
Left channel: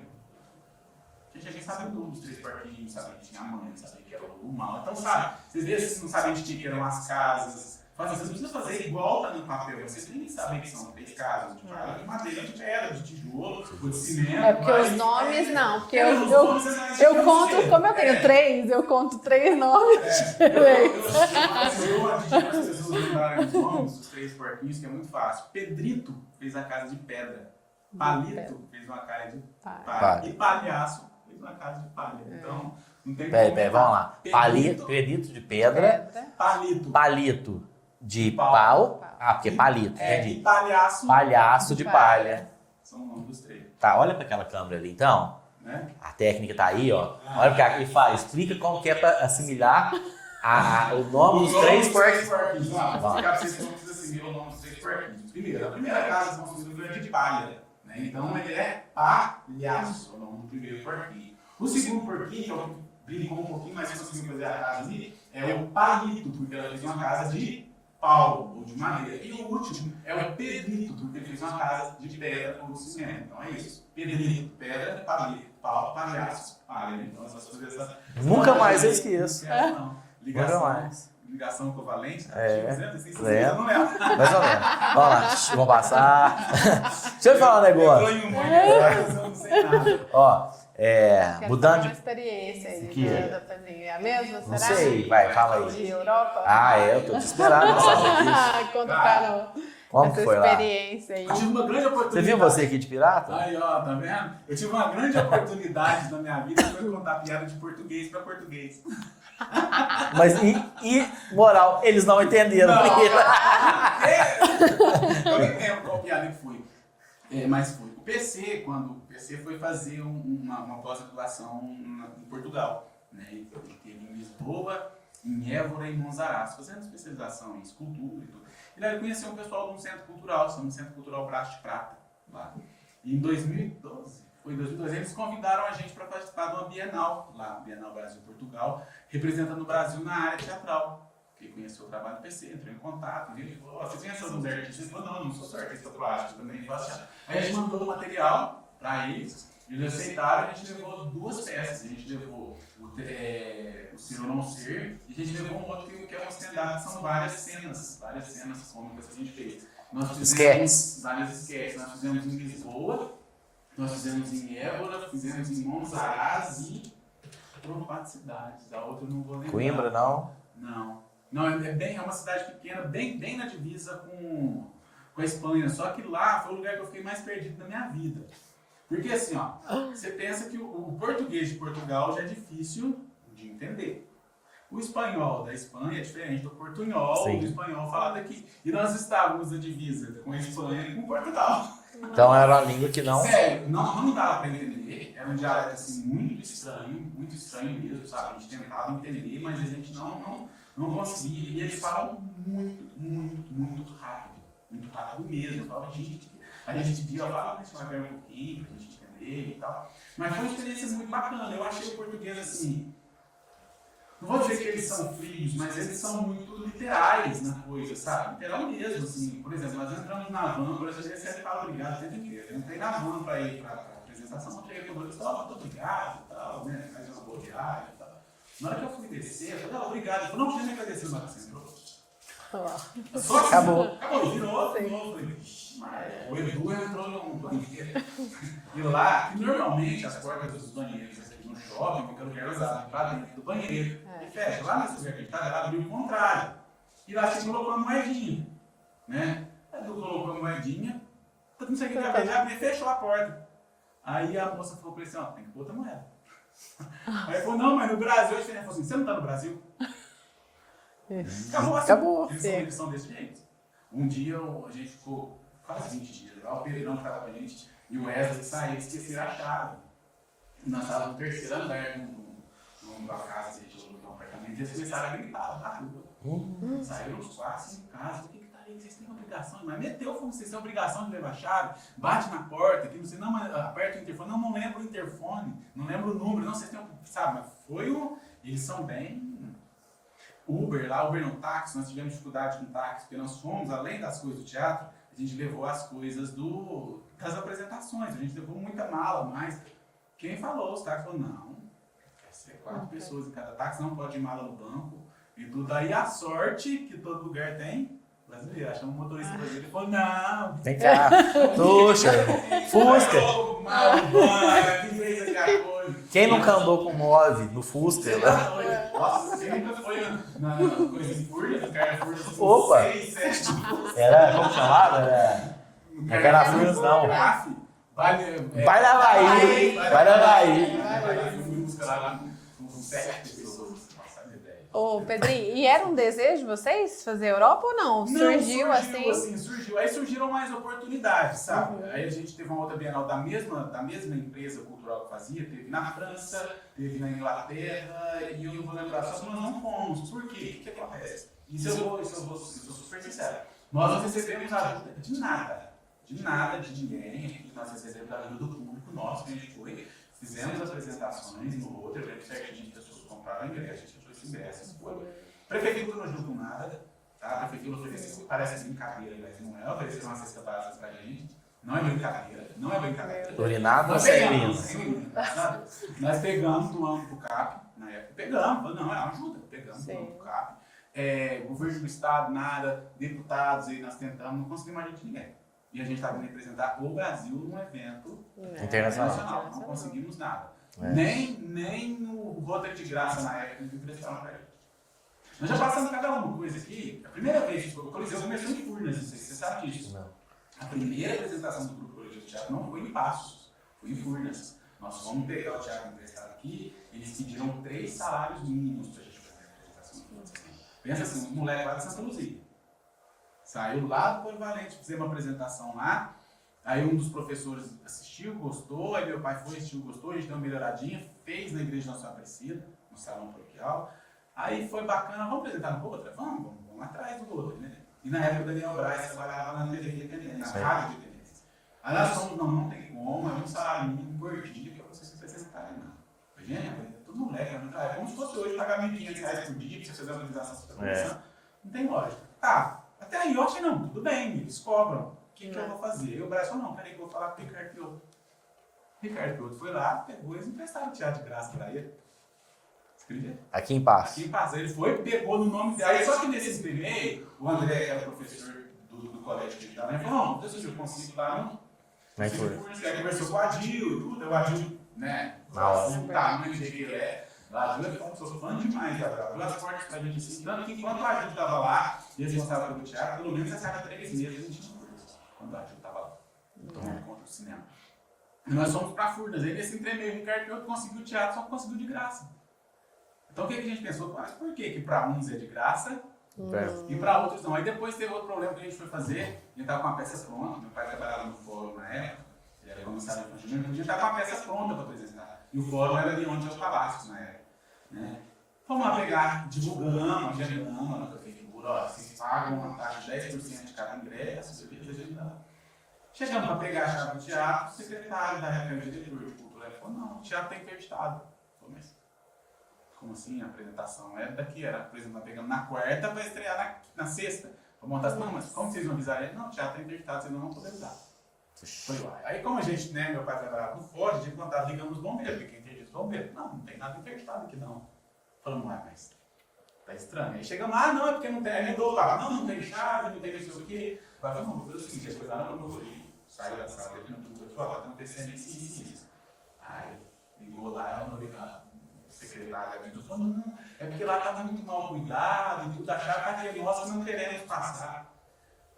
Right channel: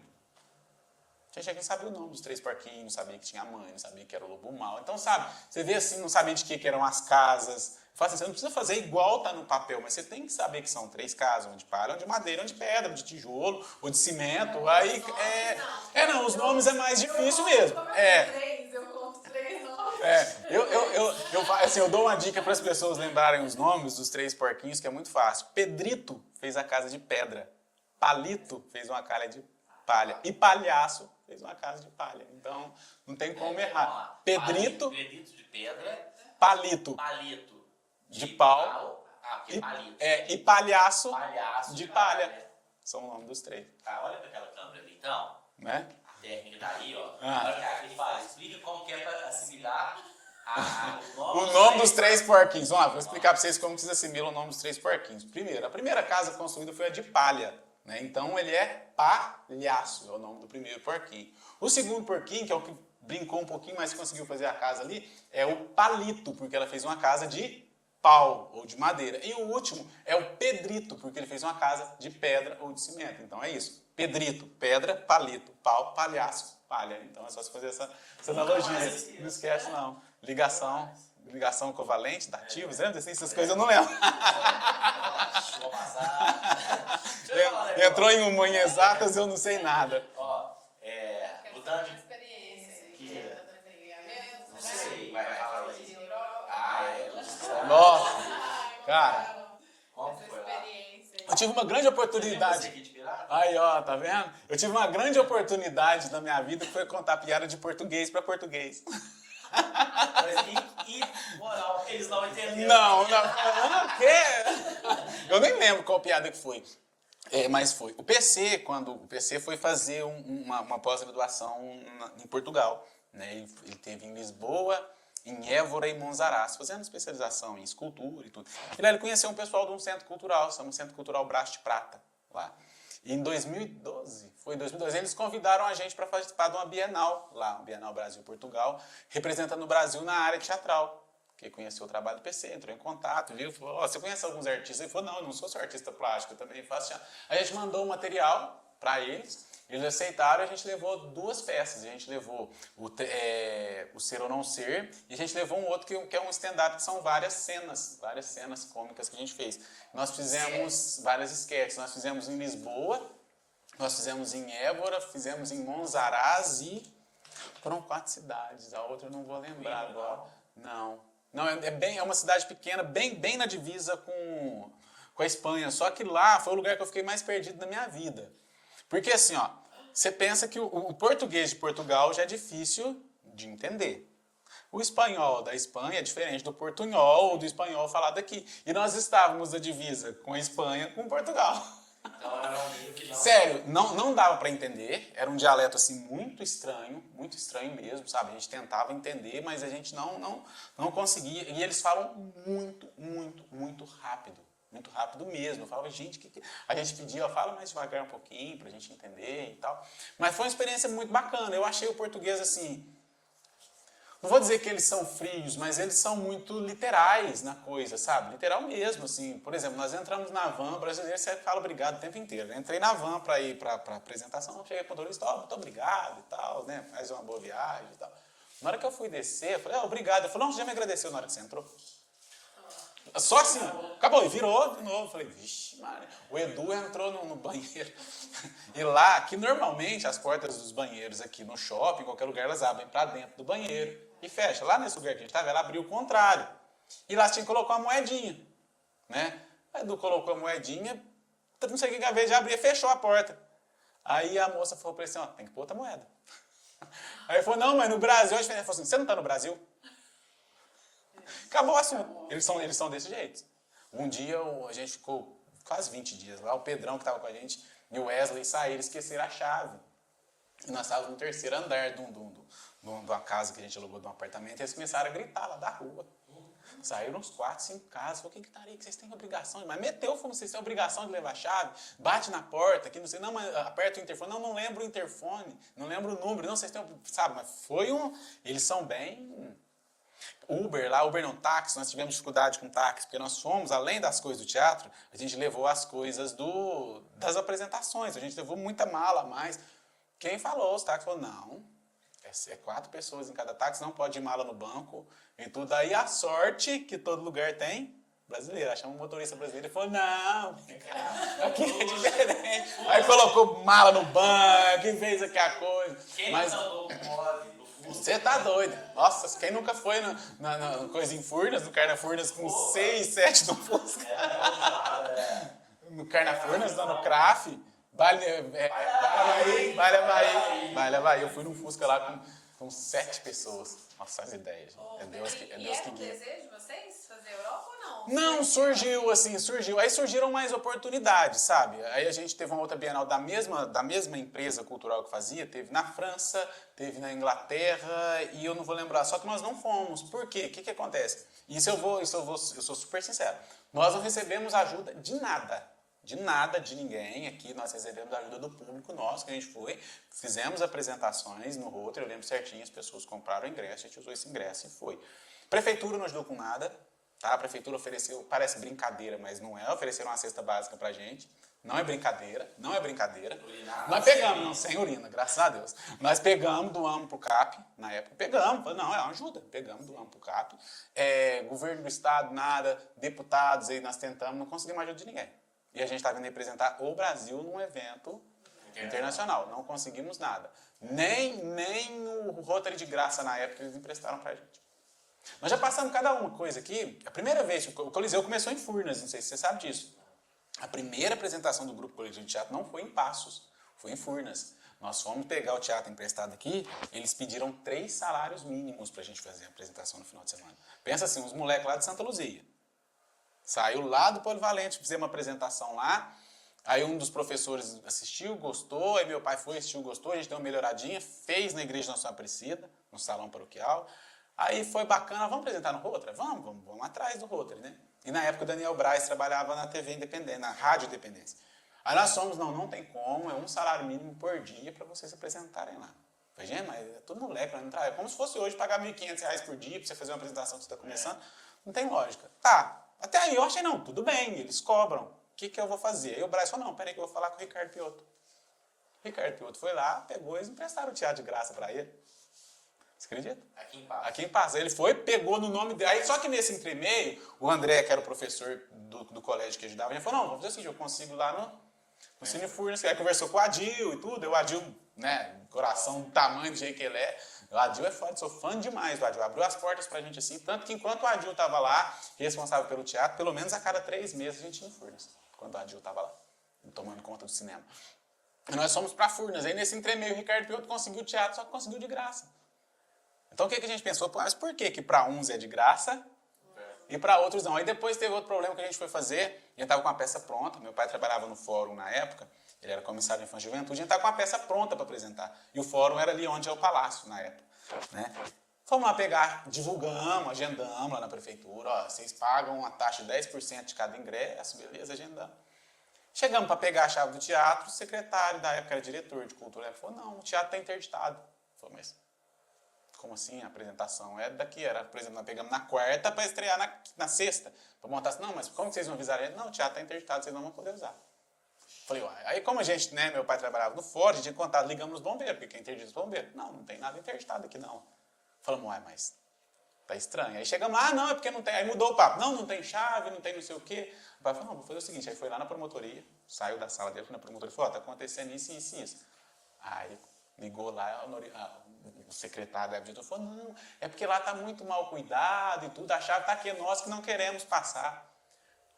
Tinha quem sabia o nome dos 3 porquinhos, sabia que tinha a mãe, sabia que era o lobo mau. Então, sabe, você vê assim, não sabia de que eram as casas. Fala assim, você não precisa fazer igual tá no papel, mas você tem que saber que são 3 casas, de palha, de madeira, de pedra, de tijolo, ou de cimento. Porque os nomes não, porque os nomes é mais difícil mesmo. Como eu tenho 3, eu conto 3 nomes. Eu dou uma dica para as pessoas lembrarem os nomes dos 3 porquinhos, que é muito fácil. Pedrito fez a casa de pedra. Palito fez uma calha de palha. E Palhaço fez uma casa de palha. Então, não tem como. Vamos lá. Pedrito de pedra. Palito de pau. Ah, porque é palito. E palhaço de palha. São o nome dos 3. Tá, olha para aquela câmera ali, então. Né? A técnica tá aí, ó. Olha o que ele faz. Explica como que é para assimilar o nome dos 3 porquinhos. Vamos lá, vou explicar para vocês como vocês assimilam o nome dos 3 porquinhos. Primeiro, a primeira casa construída foi a de palha. Né? Então ele é Palhaço, é o nome do primeiro porquinho. O segundo porquinho, que é o que brincou um pouquinho, mas conseguiu fazer a casa ali, é o Palito, porque ela fez uma casa de pau ou de madeira. E o último é o Pedrito, porque ele fez uma casa de pedra ou de cimento. Então é isso. Pedrito, pedra, palito, pau, palhaço, palha. Então é só você fazer essa nunca mais eu esqueço. Não. Ligação covalente, ativa, essas coisas eu não lembro. Mais ou menos. Vamos lá, vamos passar. Deixa eu falar um negócio. Entrou em humor exatas, eu não sei nada. Ó, mudando de... experiência aqui, a mesma, Não será? sei, vai, fala De aí. Europa? Eu tô desesperado. Conta Cara, para Como essa foi lá? experiência aí. Eu tive uma grande Você oportunidade. viu você aqui de pirata? Aí, ó, tá vendo? Eu tive uma grande oportunidade na minha vida, foi contar piada de português pra português. Mas moral, eles não entenderam. Não, eu nem lembro qual piada que foi. Mas foi. Quando o PC foi fazer uma pós-graduação em Portugal. Né? Ele teve em Lisboa, em Évora e Monsaraz, fazendo especialização em escultura e tudo. Ele conheceu um pessoal de um centro cultural, um Centro Cultural Braço de Prata, lá. E em 2012, eles convidaram a gente para participar de uma Bienal, lá, Bienal Brasil-Portugal, representando o Brasil na área teatral. Porque conheceu o trabalho do PC, entrou em contato, viu? Falou, você conhece alguns artistas? Ele falou, não sou só artista plástico, também faço teatro. Aí a gente mandou o material para eles aceitaram, a gente levou 2 peças. A gente levou o Ser ou Não Ser, e a gente levou um outro que é um stand-up, que são várias cenas cômicas que a gente fez. Nós fizemos várias sketches, nós fizemos em Lisboa, nós fizemos em Évora, fizemos em Monsaraz e foram 4 cidades, a outra eu não vou lembrar. Coimbra, não? Não, é uma cidade pequena, bem na divisa com a Espanha, só que lá foi o lugar que eu fiquei mais perdido na minha vida. Porque assim, ó, você pensa que o português de Portugal já é difícil de entender. O espanhol da Espanha é diferente do portunhol, do espanhol falado aqui. E nós estávamos na divisa com a Espanha e com Portugal. Então era uma língua que não... Sério, não dava para entender. Era um dialeto assim muito estranho mesmo, sabe? A gente tentava entender, mas a gente não conseguia. E eles falam muito rápido. Muito rápido mesmo. Eu falava, gente, a gente pedia, eu falava mais devagar um pouquinho pra gente entender e tal. Mas foi uma experiência muito bacana. Eu achei o português assim, não vou dizer que eles são frios, mas eles são muito literais na coisa, sabe? Literal mesmo, assim. Por exemplo, nós entramos na van, o brasileiro sempre fala obrigado o tempo inteiro. Eu entrei na van pra ir pra apresentação, não cheguei com o motorista, muito obrigado e tal, né? Faz uma boa viagem e tal. Na hora que eu fui descer, eu falei, obrigado. Ele falou, não, você já me agradeceu na hora que você entrou. Só assim, acabou, virou, de novo. Falei, vixe, o Edu entrou no banheiro. E lá, que normalmente as portas dos banheiros aqui no shopping, em qualquer lugar, elas abrem para dentro do banheiro e fecha. Lá nesse lugar que a gente estava, ela abriu o contrário. E lá tinha que colocar uma moedinha. Né? A Edu colocou a moedinha, não sei o que acabei de abrir, fechou a porta. Aí a moça falou para ele assim, ó, tem que pôr outra moeda. Aí ele falou, não, mas no Brasil, a gente falou assim, você não está no Brasil? Acabou assim. Eles são desse jeito. Um dia a gente ficou quase 20 dias lá, o Pedrão que estava com a gente e o Wesley saíram, esqueceram a chave. E nós estávamos no 3º andar da casa que a gente alugou de um apartamento, e eles começaram a gritar lá da rua. Saíram uns 4, 5 casas, falei, o que tá aí? Vocês têm obrigação? Mas meteu, falou, vocês têm obrigação de levar a chave, bate na porta, que não sei, não, mas aperta o interfone, não lembro o interfone, não lembro o número, não, vocês têm, sabe, mas foi eles são bem... Uber não, táxi, nós tivemos dificuldade com táxi, porque nós fomos, além das coisas do teatro, a gente levou as coisas das apresentações, a gente levou muita mala, mas quem falou, os táxis falou, não, quer ser 4 pessoas em cada táxi, não pode ir mala no banco, e tudo. Aí a sorte que todo lugar tem, brasileiro, achamos um motorista brasileiro e falou, não. Vem cá, puxa, Aí colocou mala no banco, que fez aquela coisa. Quem nunca andou com move no Fusca? Você tá doido. Nossa, quem nunca foi na coisa em Furnas, no Carnafurnas com Opa. 6, 7 do Fusca? Era, como chamava? Era Carnafurnas, não. Graf. Vai na Bahia, vai na Bahia. Eu fui no Fusca lá com 7 pessoas. Nossa, as ideias. Ô, Pedrinho, e era um desejo de vocês fazer Europa ou não? Não, surgiu. Aí surgiram mais oportunidades, sabe? Aí a gente teve uma outra Bienal da mesma empresa cultural que fazia, teve na França, teve na Inglaterra, e eu não vou lembrar, só que nós não fomos. Por quê? O que acontece? Eu sou super sincero. Nós não recebemos ajuda de nada, de ninguém aqui. Nós recebemos ajuda do público nosso, que a gente foi, fizemos apresentações no roteiro, eu lembro certinho, as pessoas compraram o ingresso, a gente usou esse ingresso e foi. Prefeitura não ajudou com nada, tá? A prefeitura ofereceu, parece brincadeira, mas não é, ofereceu uma cesta básica pra gente. Não é brincadeira. Urinado ou sem urina? Sem urina, graças a Deus. Nós pegamos, doamos pro CAP, na época pegamos, não, é uma ajuda, pegamos, doamos pro CAP. Governo do estado, nada, deputados, aí nós tentamos, não conseguimos ajuda de ninguém. E a gente estava vindo representar o Brasil num evento internacional. Não conseguimos nada. Nem o roteiro de graça na época eles emprestaram pra gente. Nós já passamos cada uma coisa aqui. A primeira vez que o Coliseu começou em Furnas, não sei se você sabe disso. Não. A primeira apresentação do Grupo Coletivo de Teatro não foi em Passos, foi em Furnas. Nós fomos pegar o teatro emprestado aqui, eles pediram 3 salários mínimos pra gente fazer a apresentação no final de semana. Pensa assim, uns moleques lá de Santa Luzia. Saiu lá do Polivalente, fizemos uma apresentação lá. Aí um dos professores assistiu, gostou, aí meu pai foi, assistiu, gostou, a gente deu uma melhoradinha, fez na Igreja Nossa Senhora Aparecida, no salão paroquial. Aí foi bacana, vamos apresentar no Rotary? Vamos atrás do Rotary, né? E na época o Daniel Braz trabalhava na TV Independente, na Rádio Independência. Aí nós somos, não tem como, é um salário mínimo por dia para vocês se apresentarem lá. Imagina, é todo moleque, é como se fosse hoje pagar R$1.500 por dia para você fazer uma apresentação que você está começando. Não tem lógica. Tá, até aí eu achei, não, tudo bem, eles cobram. O que eu vou fazer? Aí o Braz falou, não, peraí que eu vou falar com o Ricardo Pioto. Ricardo Pioto foi lá, pegou e eles emprestaram o teatro de graça para ele. Você acredita? Aqui em Passos. Aqui em Passos. Ele foi, pegou no nome dela. Só que nesse primeiro, o André, que era o professor do colégio que ajudava, ele falou, não sei se eu consigo lá, não. Você conversou com o Adil e tudo. O Adil, né, coração do tamanho do jeito que ele é. O Adil é fã, sou fã demais do Adil. Abriu as portas pra gente assim. Tanto que enquanto o Adil tava lá, responsável pelo teatro, pelo menos a cada 3 meses a gente tinha Furnas. Quando o Adil tava lá, tomando conta do cinema. E nós fomos pra Furnas. Aí nesse entremeio, o Ricardo Pioto conseguiu o teatro, só que conseguiu de graça. Então o que a gente pensou? Mas por que para uns é de graça e para outros não? Aí depois teve outro problema que a gente foi fazer, já estava com a peça pronta, meu pai trabalhava no fórum na época, ele era comissário de Infantil e Juventude, a gente estava com a peça pronta para apresentar. E o fórum era ali onde é o palácio na época. Né? Fomos lá pegar, divulgamos, agendamos lá na prefeitura, ó, vocês pagam uma taxa de 10% de cada ingresso, beleza, agendamos. Chegamos para pegar a chave do teatro, o secretário da época, era diretor de cultura, ele falou, não, o teatro está interditado. Falei, mas como assim? A apresentação é daqui, era, por exemplo, nós pegamos na quarta para estrear na sexta. Vamos montar assim, não, mas como vocês não avisaram ele? Não, o teatro está interditado, vocês não vão poder usar. Falei, uai. Aí como a gente, né, meu pai trabalhava no fórum, a gente tinha contato, ligamos nos bombeiros, porque quem interdita os bombeiros. Não tem nada interditado aqui não. Falamos, uai, mas tá estranho. Aí chegamos lá, não, é porque não tem, aí mudou o papo. Não tem chave, não tem não sei o quê. Aí falei, vamos fazer o seguinte, aí foi lá na promotoria, saiu da sala dele na promotoria e falou, ó, tá acontecendo isso e isso. Aí ligou lá, o secretário da vida falou, não, é porque lá está muito mal cuidado e tudo, a chave está aqui, nós que não queremos passar.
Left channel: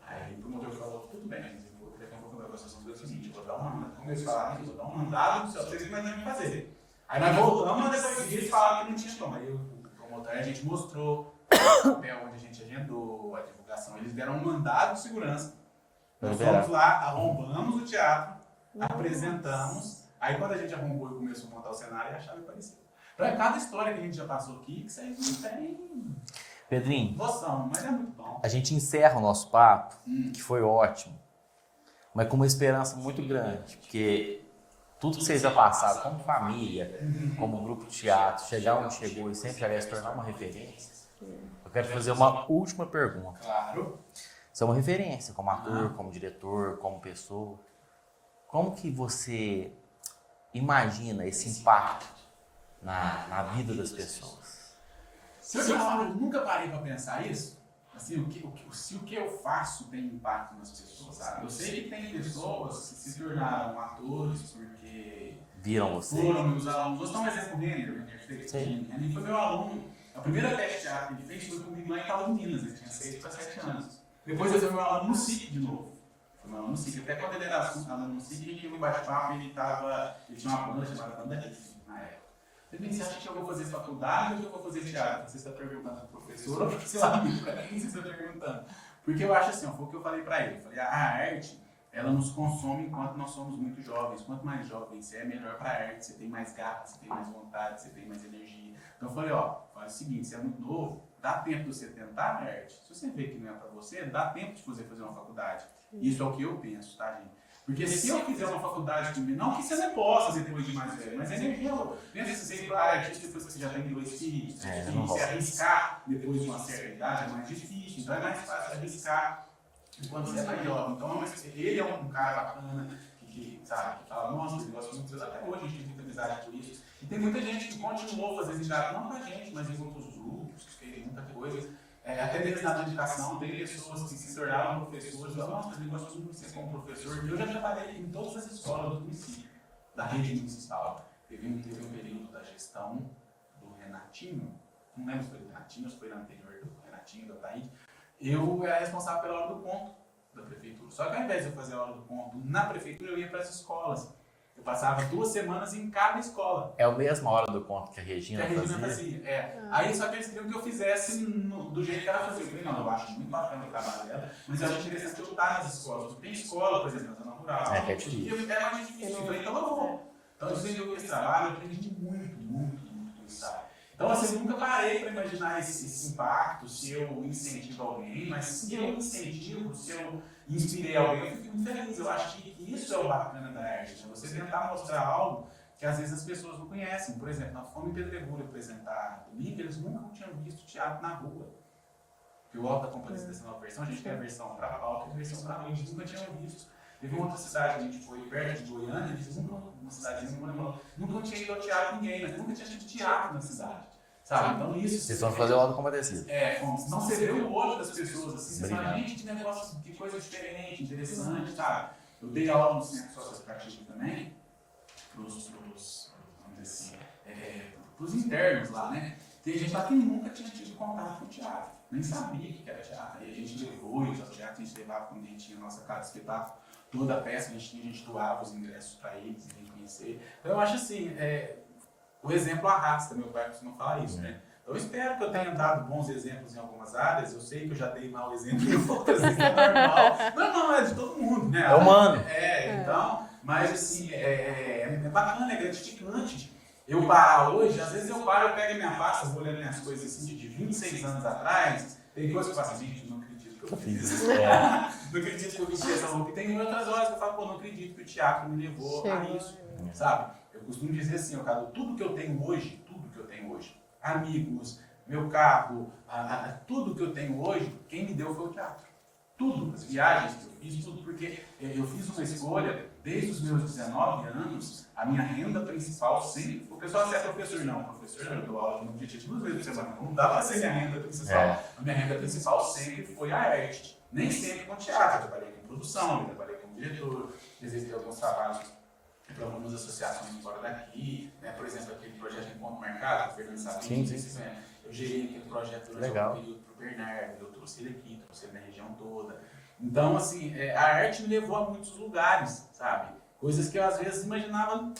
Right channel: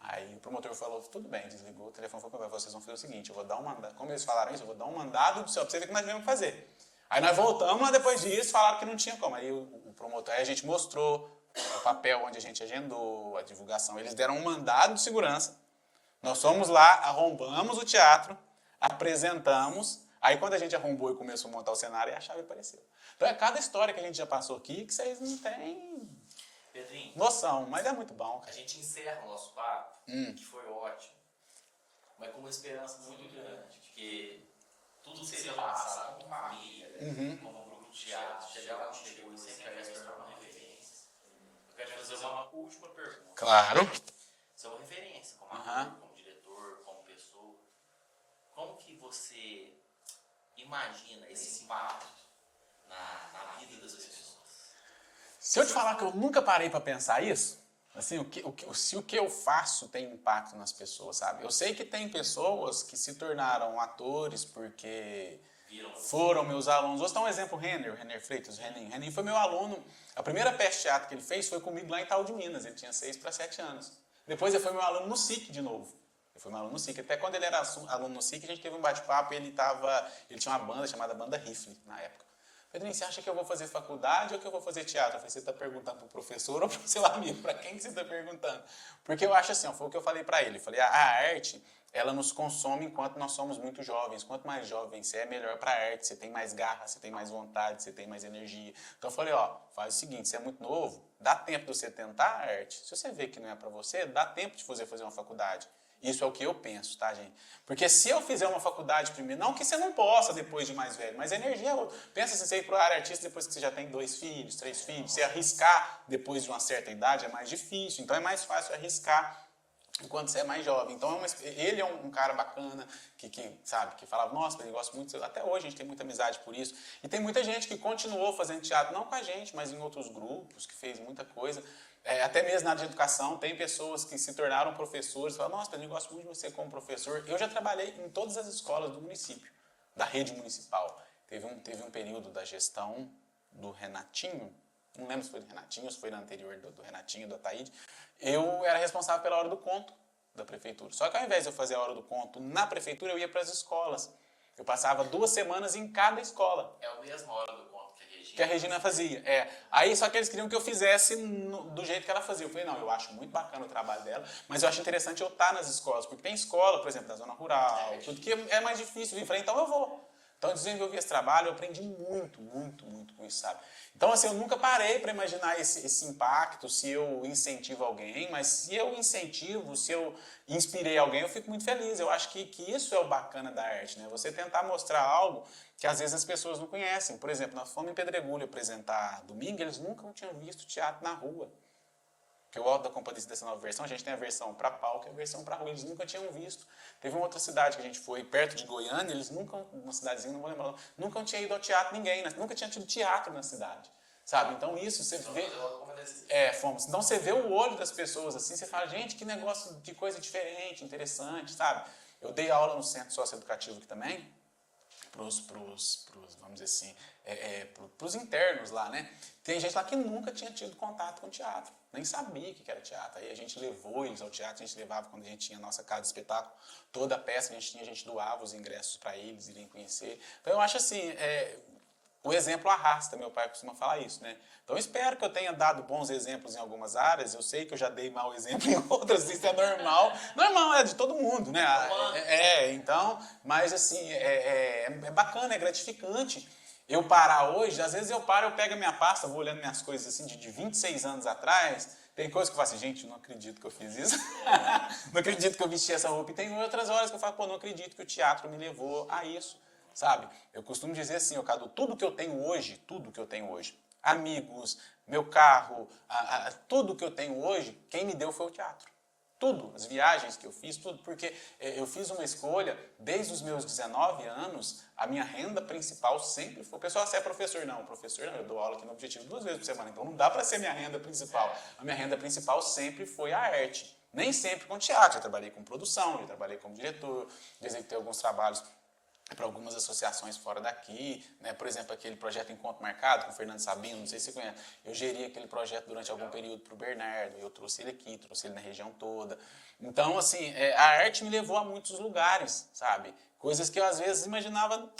Aí o promotor falou, tudo bem, desligou o telefone, falou, vocês vão fazer o seguinte, eu vou dar um mandado, como eles falaram isso, eu vou dar um mandado do céu, pra vocês que nós temos que fazer. Aí nós voltamos, mas depois disso falaram que não tinha como. Aí o promotor, aí a gente mostrou o papel onde a gente agendou, a divulgação, eles deram um mandado de segurança. Nós fomos lá, arrombamos o teatro, apresentamos, aí quando a gente arrombou e começou a montar o cenário, a chave apareceu. Então é cada história que a gente já passou aqui que vocês não têm Pedrinho, noção, mas é muito bom. a gente encerra o nosso papo, que foi ótimo, mas com uma esperança muito grande, porque tudo que vocês já passaram, como família, como grupo de teatro, chegar onde chegou e sempre aliás se tornar uma referência, eu quero fazer uma última pergunta. Claro. Você é uma referência como ator, como diretor, como pessoa. Como que você imagina esse impacto na vida das pessoas? Se eu te falar que eu nunca parei para pensar isso, assim, se o que eu faço tem impacto nas pessoas, sabe? Eu sei que tem pessoas que se tornaram atores porque Viram você? foram meus alunos. Vou dar um exemplo, o Renner Freitas. Renner foi meu aluno. A primeira peça de teatro que ele fez foi comigo lá em Itaú de Minas. Ele tinha 6 para 7 anos. Depois ele foi meu aluno no SIC de novo. Ele foi meu aluno no SIC. Até quando ele era aluno no SIC, a gente teve um bate-papo e ele tinha uma banda chamada Banda Rifle na época. Pedrinho, você acha que eu vou fazer faculdade ou que eu vou fazer teatro? Você está perguntando para o professor ou para o seu amigo? Para quem você está perguntando? Porque eu acho assim, foi o que eu falei para ele. Eu falei, a arte, ela nos consome enquanto nós somos muito jovens. Quanto mais jovem você é, melhor para a arte. Você tem mais garra, você tem mais vontade, você tem mais energia. Então eu falei, ó, faz o seguinte, você é muito novo, dá tempo de você tentar a arte. Se você vê que não é para você, dá tempo de você fazer uma faculdade. Isso é o que eu penso, tá, gente? Porque se eu fizer uma faculdade de mim, não que você não possa depois de mais velho, mas a energia, pensa se você ir para a área artista depois que você já tem 2 filhos, 3 filhos, se arriscar depois de uma certa idade é mais difícil, então é mais fácil arriscar enquanto você é mais jovem. Então ele é um cara bacana, que sabe, que fala, nossa, ele gosta muito, até hoje a gente tem muita amizade por isso. E tem muita gente que continuou fazendo teatro, não com a gente, mas em outros grupos, que fez muita coisa. Até mesmo na área de educação, tem pessoas que se tornaram professores, falam, nossa, eu gosto muito de você como professor. Eu já trabalhei em todas as escolas do município, da rede municipal. teve um período da gestão do Renatinho, não lembro se foi do Renatinho ou se foi no anterior do Renatinho, do Ataíde, eu era responsável pela hora do conto da prefeitura. Só que ao invés de eu fazer a hora do conto na prefeitura, eu ia para as escolas. Eu passava 2 semanas em cada escola. É a mesma hora do conto que a Regina fazia. Aí só que eles queriam que eu fizesse do jeito que ela fazia. Eu falei, não, eu acho muito bacana o trabalho dela, mas eu acho interessante eu estar nas escolas, porque tem escola, por exemplo, na zona rural, porque é mais difícil. Eu falei, então eu vou. Então eu desenvolvi esse trabalho, eu aprendi muito com isso, sabe? Então, assim, eu nunca parei para imaginar esse impacto, se eu incentivo alguém, mas se eu incentivo, se eu inspirei alguém, eu fico muito feliz. Eu acho que isso é o bacana da arte, né? Você tentar mostrar algo que às vezes as pessoas não conhecem. Por exemplo, nós fomos em Pedregulho apresentar domingo, eles nunca tinham visto teatro na rua. Porque o Alto da Compadecida dessa nova versão, a gente tem a versão para palco e a versão para rua, eles nunca tinham visto. Teve uma outra cidade que a gente foi, perto de Goiânia, eles nunca, uma cidadezinha, não lembro, nunca tinha ido ao teatro ninguém, né? Nunca tinha tido teatro na cidade, sabe? Então isso... Vocês vão fazer o Alto da Compadecida. Fomos. Então você vê o olho das pessoas, assim, você fala, gente, que negócio de coisa diferente, interessante, sabe? Eu dei aula no Centro Socioeducativo aqui também, vamos dizer assim, pros internos lá, né? Tem gente lá que nunca tinha tido contato com teatro, nem sabia que era teatro. Aí a gente levou eles ao teatro, a gente levava quando a gente tinha a nossa casa de espetáculo, toda a peça, a gente doava os ingressos para eles irem conhecer. Então eu acho assim, o exemplo arrasta, meu pai costuma falar isso, né? Então eu espero que eu tenha dado bons exemplos em algumas áreas, eu sei que eu já dei mau exemplo em outras, isso é normal. Normal, é de todo mundo, né? É humano. Então, mas assim, é bacana, é gratificante. Eu parar hoje, às vezes eu paro, eu pego a minha pasta, vou olhando minhas coisas assim de 26 anos atrás, tem coisas que eu falo assim, gente, não acredito que eu fiz isso. Não acredito que eu vesti essa roupa. E tem outras horas que eu falo, pô, não acredito que o teatro me levou a isso, sabe? Eu costumo dizer assim, Cadu, tudo que eu tenho hoje, amigos, meu carro, tudo que eu tenho hoje, quem me deu foi o teatro. Tudo, as viagens que eu fiz, tudo, porque eu fiz uma escolha, desde os meus 19 anos, a minha renda principal sempre foi... O pessoal é professor, não, eu dou aula no Objetivo 2 vezes por semana, então não dá para ser minha renda principal. A minha renda principal sempre foi a arte, nem sempre com teatro, eu trabalhei com produção, eu trabalhei como diretor, executei alguns trabalhos para algumas associações fora daqui, né? Por exemplo, aquele projeto Encontro Marcado, com o Fernando Sabino, não sei se você conhece. Eu geri aquele projeto durante algum período para o Bernardo, eu trouxe ele aqui, trouxe ele na região toda. Então, assim, a arte me levou a muitos lugares, sabe? Coisas que eu às vezes imaginava.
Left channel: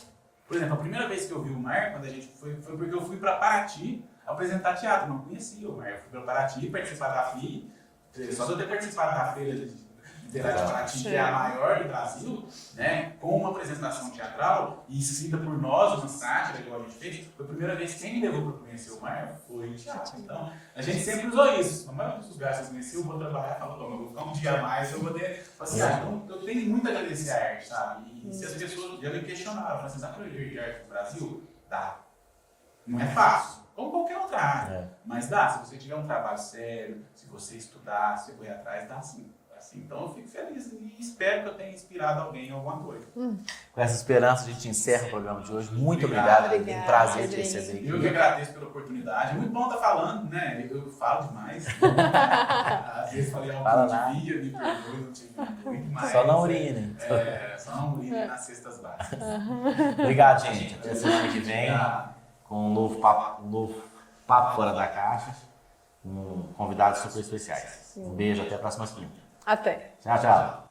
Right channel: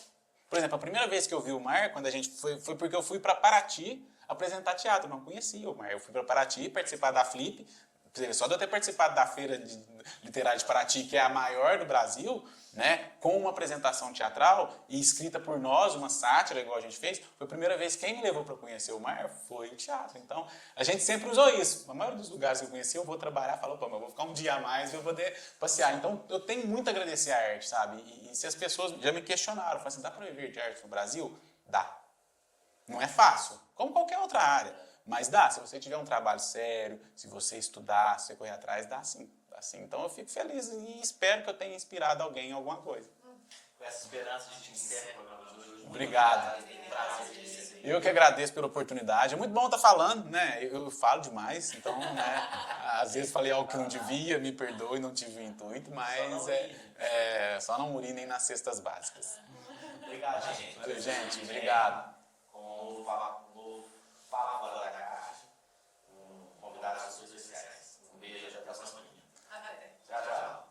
Por exemplo, a primeira vez que eu vi o Mar, quando a gente foi porque eu fui para Paraty apresentar teatro, eu não conhecia o Mar. Eu fui para Paraty participar da Flip, só de eu ter participado da feira literária de Paraty, que é a maior do Brasil, né, com uma apresentação teatral e escrita por nós, uma sátira igual a gente fez, foi a primeira vez que quem me levou para conhecer o Mar foi o teatro. Então, a gente sempre usou isso. Na maioria dos lugares que eu conheci, eu vou trabalhar, falo, eu vou ficar um dia a mais, eu vou poder passear. Então, eu tenho muito a agradecer a arte, sabe? E se as pessoas já me questionaram, falaram assim, dá para viver de arte no Brasil? Dá. Não é fácil, como qualquer outra área, mas dá. Se você tiver um trabalho sério, se você estudar, se você correr atrás, dá sim. Assim, então eu fico feliz e espero que eu tenha inspirado alguém em alguma coisa. Com essa esperança, a gente encerra o programa de hoje. Muito obrigado. Foi um prazer te receber aqui. Eu que agradeço pela oportunidade. É muito bom estar falando, né? Eu falo demais. Então, às vezes falei algo que não devia, me perdoe, não tive muito, mas... Só não urine. Só não urine nas cestas básicas. Obrigado, gente. Até semana que vem, com um novo papo fora da caixa, com convidados super especiais. Um beijo, até a próxima semana. Até. Tchau.